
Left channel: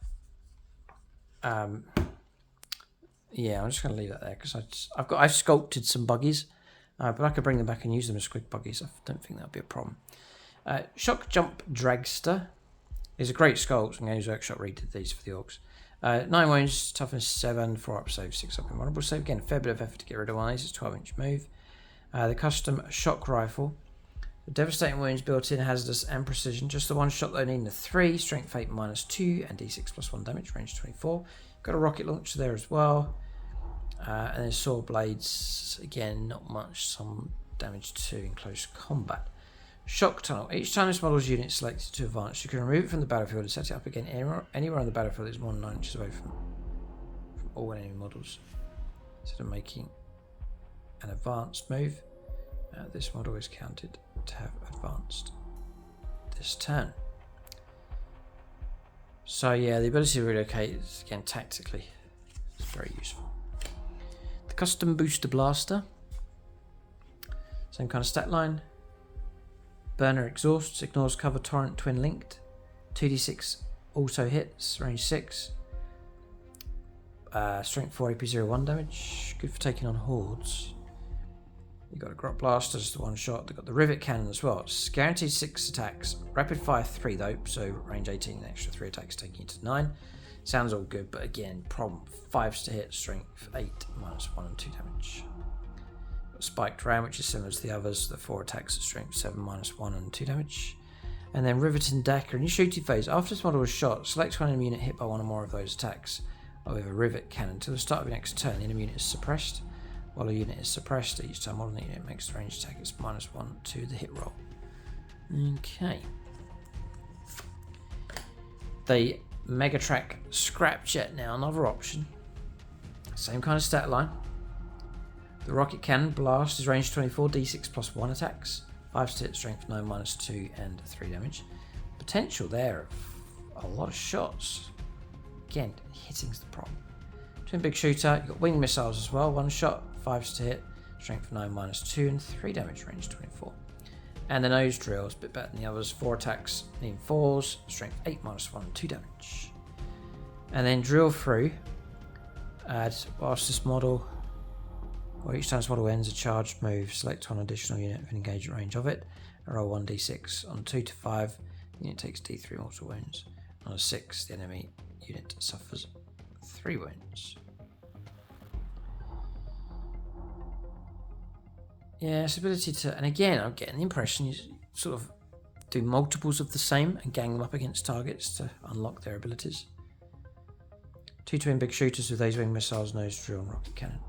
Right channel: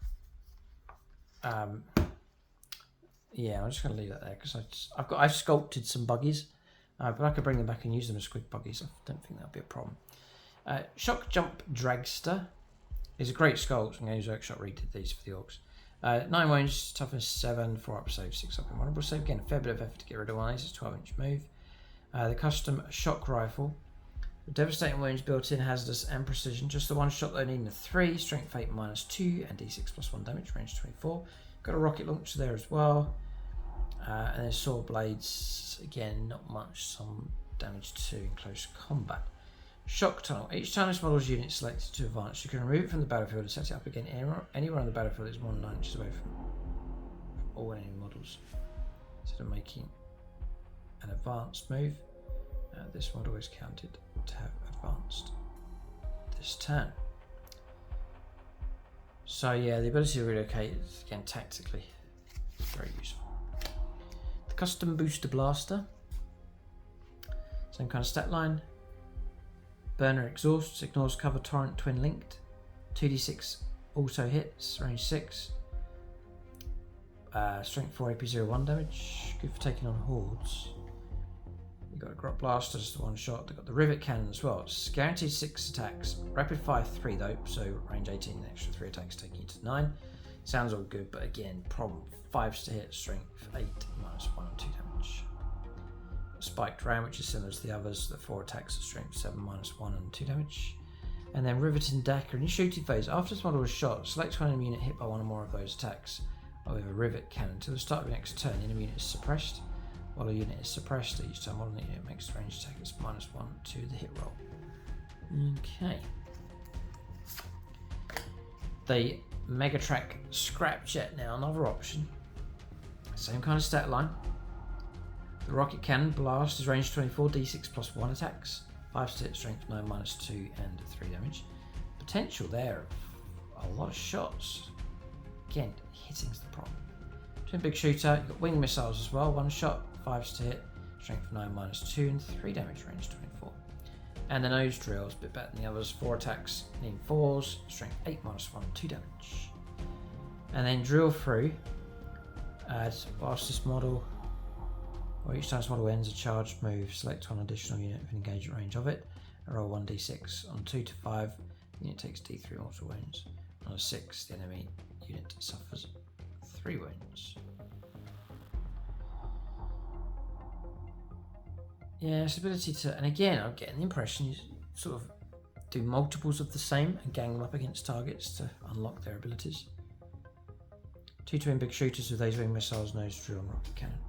Yeah, I'm just going to leave that there because I've sculpted some buggies, but I could bring them back and use them as Squig Buggies. I don't think that'll be a problem. Shock Jump Dragster is a great sculpt, and Games Workshop redid these for the Orks. 9 wounds, toughness 7, 4 up save, 6 up invulnerable save. Again, a fair bit of effort to get rid of one of these. It's a 12-inch move. The custom shock rifle. The devastating wounds, built-in, hazardous, and precision. Just the one shot though, needing a 3, strength 8 -2, and d6 plus 1 damage, range 24. Got a rocket launcher there as well. And then sword blades. Again, not much. Some damage to in close combat. Shock Tunnel. Each time this model's unit is selected to advance, you can remove it from the battlefield and set it up again anywhere on the battlefield that is more than 9 inches away from all enemy models. Instead of making an advanced move, this model is counted to have advanced this turn. So yeah, the ability to relocate is, again, tactically, it's very useful. The Custom Booster Blaster. Same kind of stat line. Burner exhausts, ignores cover, torrent, twin linked. 2d6 also hits, range 6. Strength 4, AP01 damage. Good for taking on hordes. You've got a Grot Blaster, just the one shot. They've got the Rivet Cannon as well. It's guaranteed 6 attacks. Rapid fire 3 though, so range 18, an extra 3 attacks taking you to 9. Sounds all good, but again, problem. 5s to hit, strength 8, -1 and 2 damage. Spiked Ram, which is similar to the others, the 4 attacks at strength 7, -1 and 2 damage. And then Riveting Dagger. In your shooting phase, after this model was shot, select one enemy unit hit by 1 or more of those attacks with a Rivet Cannon. Until the start of your next turn, the enemy unit is suppressed. While a unit is suppressed, each time one unit makes the ranged attack, it's -1 to the hit roll. Okay. The Megatrack Scrapjet now, another option. Same kind of stat line. The Rocket Cannon Blast is range 24, d6 plus 1 attacks, 5 to hit, strength 9, -2 and 3 damage. Potential there of a lot of shots. Again, hitting's the problem. Twin Big Shooter, you've got wing missiles as well, 1 shot, 5s to hit, strength 9, -2 and 3 damage, range 24. And the nose drill is a bit better than the others. 4 attacks, needing 4s, strength 8 minus 1, 2 damage. And then drill through. Add whilst this model, or each time this model ends a charged move, select one additional unit with an engagement range of it, and roll 1d6. On 2 to 5, the unit takes d3 mortal wounds. On a 6, the enemy unit suffers 3 wounds. Yeah, its ability to, and again, I'm getting the impression you sort of do multiples of the same and gang them up against targets to unlock their abilities. 2 twin big shooters with laser wing missiles, nose drill, and rocket cannon.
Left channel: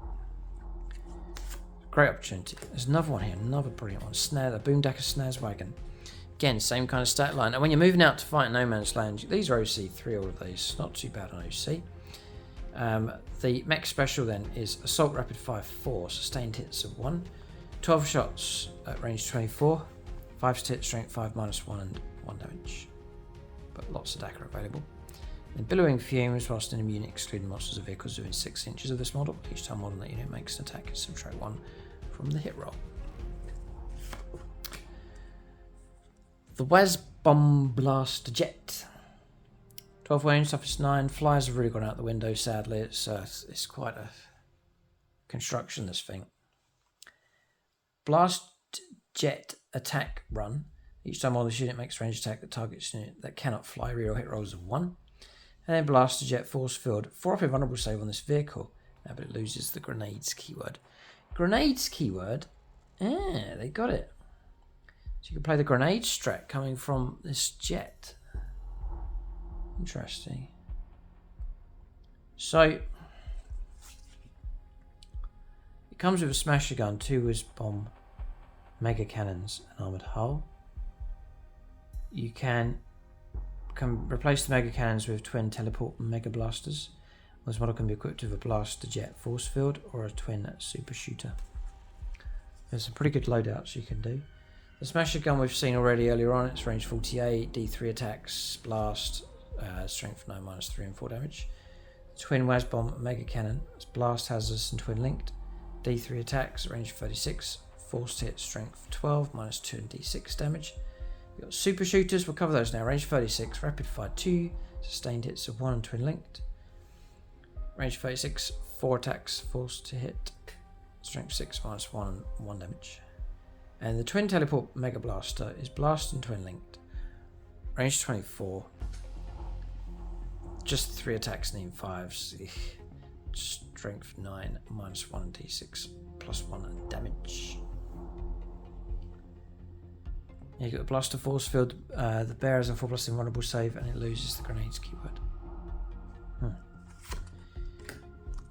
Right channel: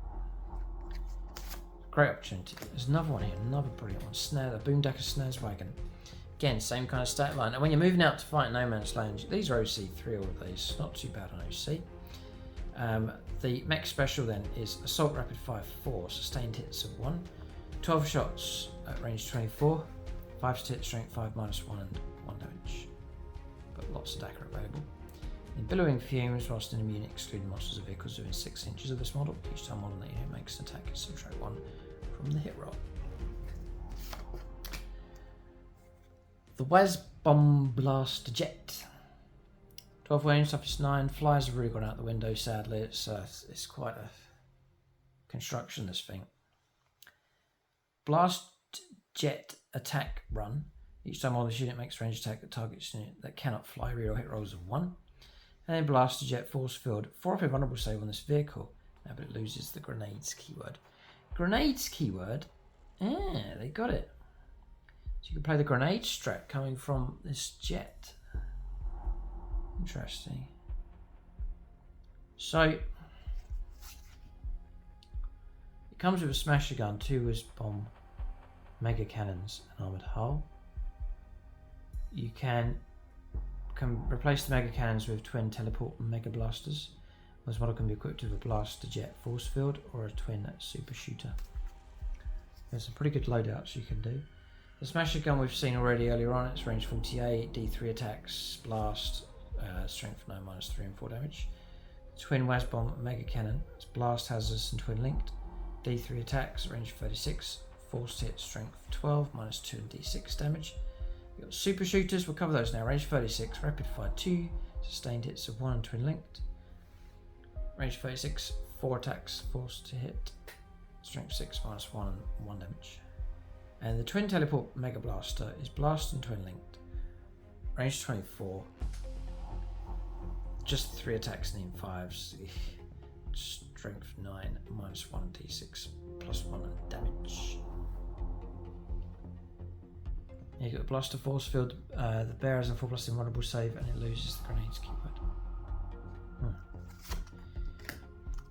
Great opportunity. There's another one here, another brilliant one. Snare, the Boomdacker Snares Wagon. Again, same kind of stat line. And when you're moving out to fight No Man's Land, these are OC3, all of these. Not too bad on OC. The mech special then is Assault Rapid Fire 4, sustained hits of 1. 12 shots at range 24, 5 to hit, strength 5 minus 1 and 1 damage. But lots of DACA available. In Billowing Fumes, whilst an immune excluding monsters or vehicles within 6 inches of this model, each time model that unit makes an attack, it subtract 1 from the hit roll. The WAAAGH Bomb Blast Jet. 12 wounds, toughest 9. Flyers have really gone out the window, sadly. It's quite a construction, this thing. Blast Jet Attack Run. Each time all this unit makes a range attack that targets unit that cannot fly, reroll hit rolls of 1. And then Blaster Jet Force Field. 4 up invulnerable save on this vehicle. But it loses the grenades keyword. Grenades keyword? Yeah, they got it. So you can play the grenade strat coming from this jet. Interesting. So it comes with a smasher gun, 2 whiz bomb, mega cannons, and armored hull. You can replace the mega cannons with twin teleport mega blasters. This model can be equipped with a blaster jet force field or a twin super shooter. There's some pretty good loadouts you can do. The smasher gun we've seen already earlier on, it's range 48, D3 attacks, blast, strength 9 minus 3 and 4 damage. Twin WAAAGH bomb mega cannon, it's blast hazardous and twin linked. D3 attacks, range 36, force hit, strength 12 minus 2 and D6 damage. We've got super shooters, we'll cover those now. Range 36, rapid fire 2, sustained hits of 1 and twin linked. Range 36, 4 attacks, force to hit, strength 6 minus 1 and 1 damage. And the twin teleport mega blaster is blast and twin linked. Range 24, just 3 attacks needing 5s. Strength 9 minus 1 d6 plus 1 damage. You got the blaster force field. The bear has a 4+ invulnerable save and it loses the grenades keyword.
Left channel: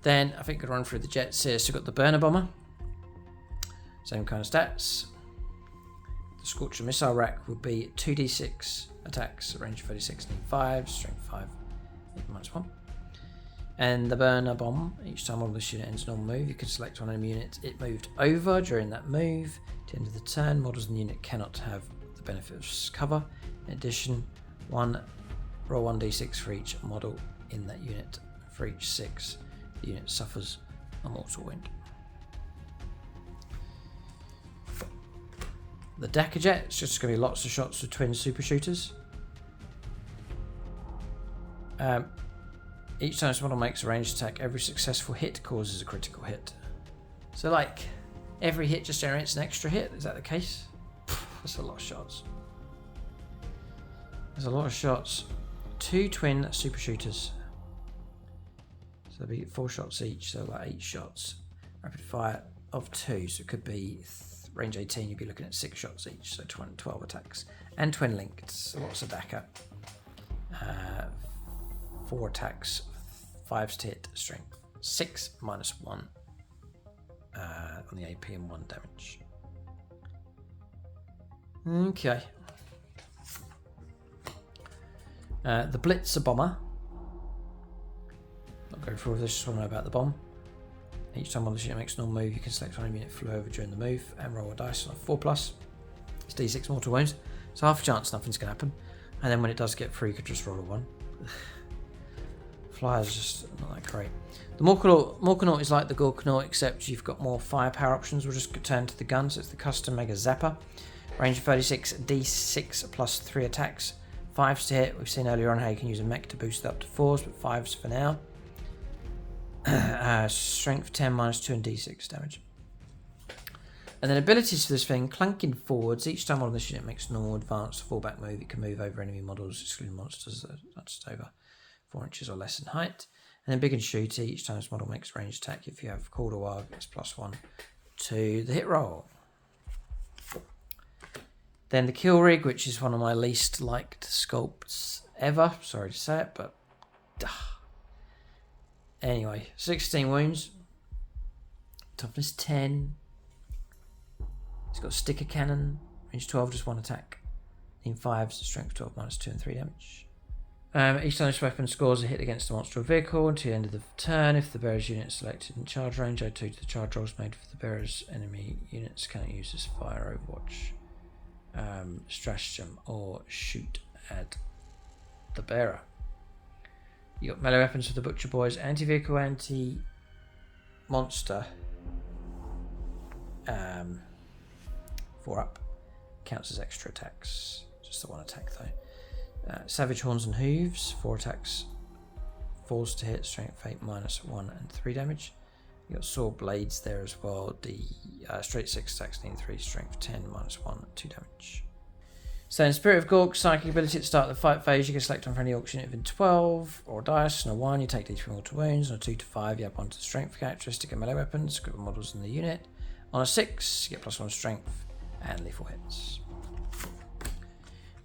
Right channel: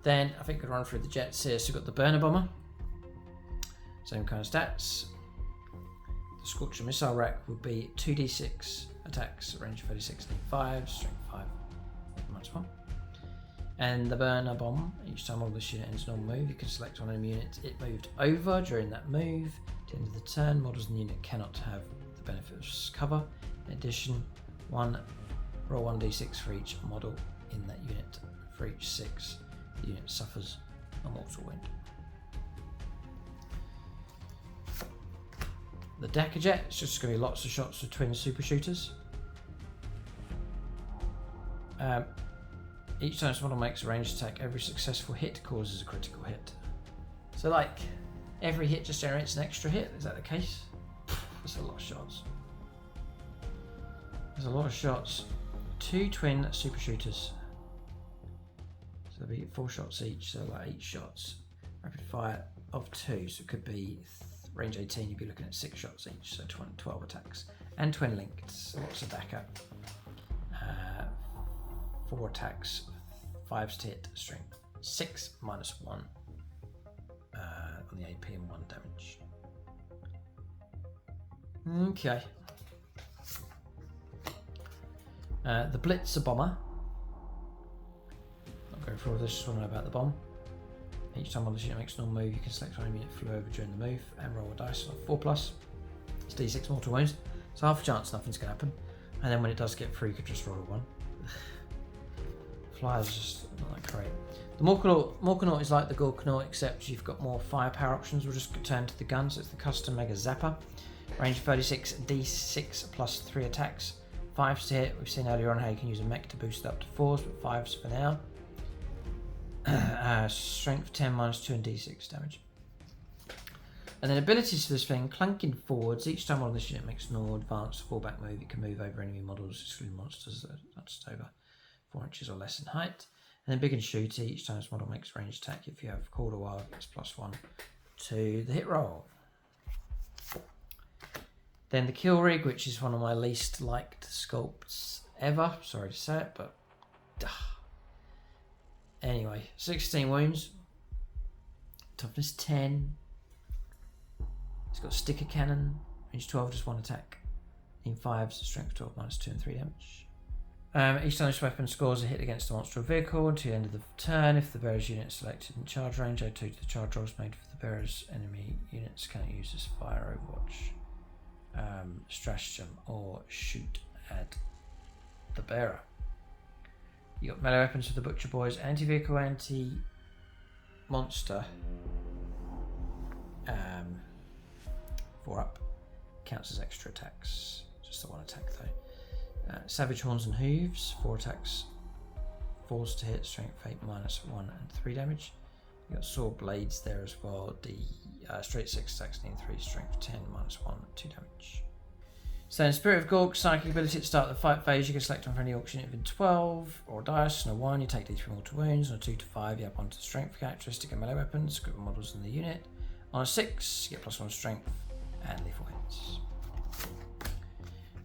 Then I think I could run through the jets here. So we've got the burner bomber, same kind of stats. The Scorcher missile rack would be 2d6 attacks, range 36, 5, strength 5, minus 1. And the burner bomb, each time all this unit ends normal move, you can select one enemy unit it moved over during that move. At the end of the turn, models in the unit cannot have the benefit of cover. In addition, roll 1d6 for each model in that unit. For each 6, the unit suffers a mortal wound. The Decker Jet, it's just going to be lots of shots with twin super shooters. Each time this model makes a ranged attack, every successful hit causes a critical hit. So like, every hit just generates an extra hit, is that the case? That's a lot of shots. There's a lot of shots. 2 twin super shooters. So there'll be 4 shots each, so like 8 shots. Rapid fire of 2, so it could be range 18, you'd be looking at 6 shots each, so 12 attacks. And twin linked, so lots of DACA. 4 attacks, 5 to hit, strength 6 minus 1 on the AP and 1 damage. Okay. The Blitzer bomber. Not going through all this, just want to know about the bomb. Each time on the unit makes a normal move, you can select one unit flew over during the move and roll a dice on a 4+. It's D6 mortal wounds, so half a chance nothing's going to happen. And then when it does get free, you could just roll a 1. Flyers just not that great. The Morkanaut is like the Gorkanaut, except you've got more firepower options. We'll just turn to the gun, so it's the custom Mega Zapper. Range 36, D6 plus 3 attacks. 5s to hit. We've seen earlier on how you can use a mech to boost it up to 4s, but 5s for now. Strength 10, -2 and D6 damage. And then abilities for this thing, clanking forwards. Each time one of this unit makes no advanced fallback move, it can move over enemy models, excluding monsters that's over 4 inches or less in height. And then big and shooty, each time this model makes ranged attack, if you have called a WAAAGH, it's +1 to the hit roll. Then the kill rig, which is one of my least liked sculpts ever. Sorry to say it, but anyway, 16 wounds, toughness 10. It's got a sticker cannon, range 12, just 1 attack. In 5s, strength 12, -2 and 3 damage. Each time this weapon scores a hit against a monster or vehicle until the end of the turn. If the bearer's unit is selected in charge range, add 2 to the charge rolls made for the bearer's enemy units. Cannot use this fire, overwatch, stratagem, or shoot at the bearer. You got melee weapons for the butcher boys, anti-vehicle, anti-monster. 4 up, counts as extra attacks. Just the 1 attack though. Savage horns and hooves, 4 attacks, 4s to hit, strength 8, -1 and 3 damage. You got sword blades there as well. Straight 6 attacks, need 3, strength 10, -1 and 2 damage. So in Spirit of Gork, psychic ability at the start of the fight phase, you can select on for any Orks unit within 12 or dice. On a 1, you take D3 mortal wounds. On a 2 to 5, you add 1 to the strength characteristic and melee weapons, group of models in the unit. On a 6, you get +1 strength and lethal hits.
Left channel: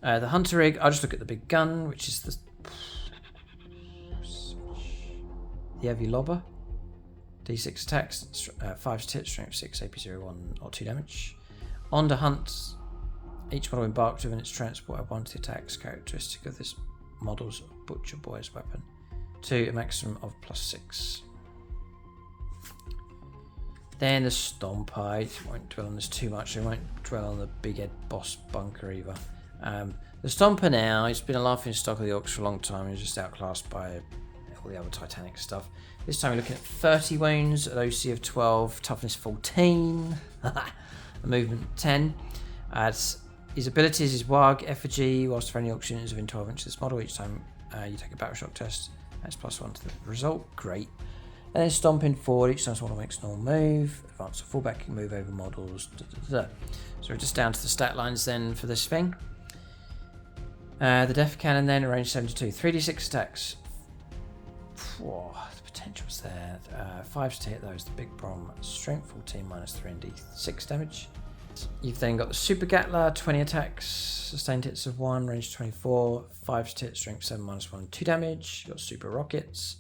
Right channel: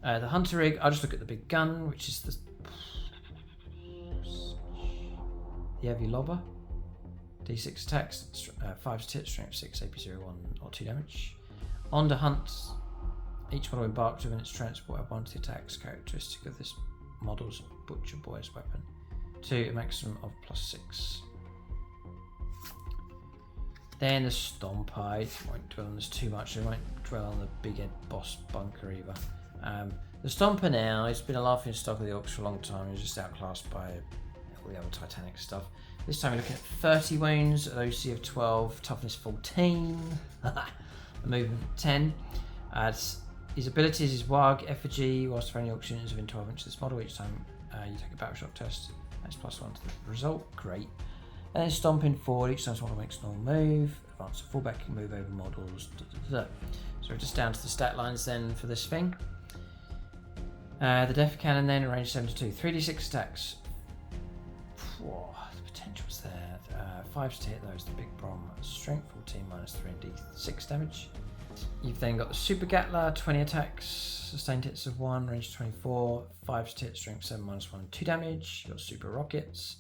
The hunter rig, I'll just look at the big gun, which is the heavy lobber. D6 attacks, 5 to hit, strength 6, AP 1 or 2 damage. On to hunt, each model embarked within its transport have 1 to the attacks characteristic of this model's butcher boy's weapon, to a maximum of +6. Then the Stomper, I won't dwell on this too much, I won't dwell on the big head boss bunker either. The Stomper now, he's been a laughing stock of the Orks for a long time, he's just outclassed by all the other Titanic stuff. This time we're looking at 30 wounds, an OC of 12, toughness 14, a movement 10. His abilities is WAAAGH, effigy, whilst for any Orks units within 12 inches of this model, each time you take a battle shock test, that's +1 to the result, great. And then stomping forward, each time this model makes a normal move, advance or fallback, you can move over models, So we're just down to the stat lines then for this thing. The Def Cannon then, range 72, 3d6 attacks. Whoa, the potential's there. 5s to hit those, the big brom, strength 14, -3 and d6 damage. You've then got the Super Gatler, 20 attacks, sustained hits of 1, range 24, 5s to hit, strength 7, -1 and 2 damage. You've got Super Rockets,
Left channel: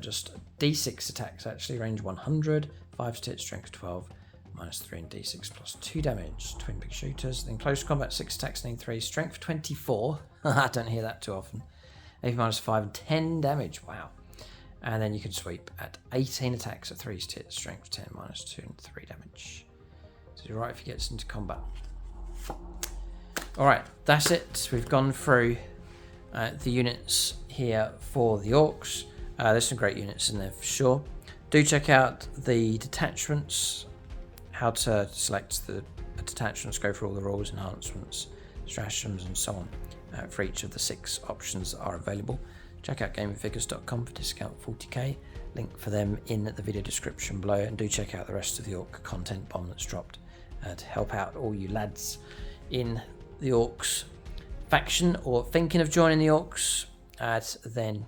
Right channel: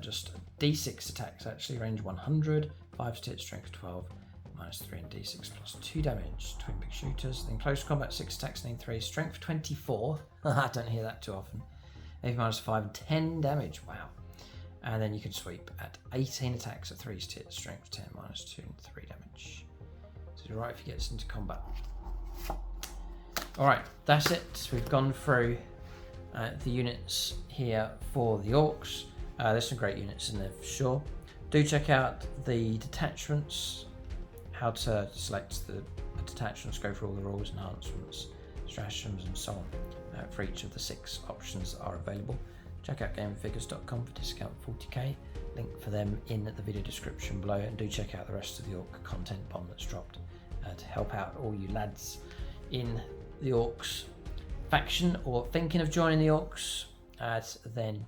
just d6 attacks actually, range 100, 5s to hit, strength 12, -3 and d6 plus 2 damage. Twin big shooters. Then close combat, 6 attacks, need 3, strength 24. I don't hear that too often. AP -5 and 10 damage. Wow. And then you can sweep at 18 attacks at 3s to hit, strength 10, -2 and 3 damage. So you're right if he gets into combat. Alright, that's it. We've gone through the units here for the Orks. There's some great units in there for sure. Do check out the detachments, how to select the detachments, go through all the rules, enhancements, stratagems and so on for each of the 6 options that are available. Check out gamingfigures.com for discount 40k, link for them in the video description below, and do check out the rest of the Orks Content Bomb that's dropped to help out all you lads in the Orks faction or thinking of joining the Orks. Then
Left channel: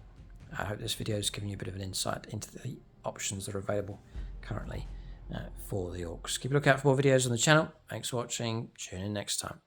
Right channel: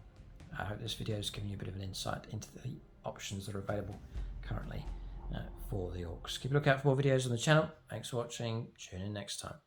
I hope this video has given you a bit of an insight into the options that are available currently for the Orks. Keep a lookout for more videos on the channel. Thanks for watching. Tune in next time.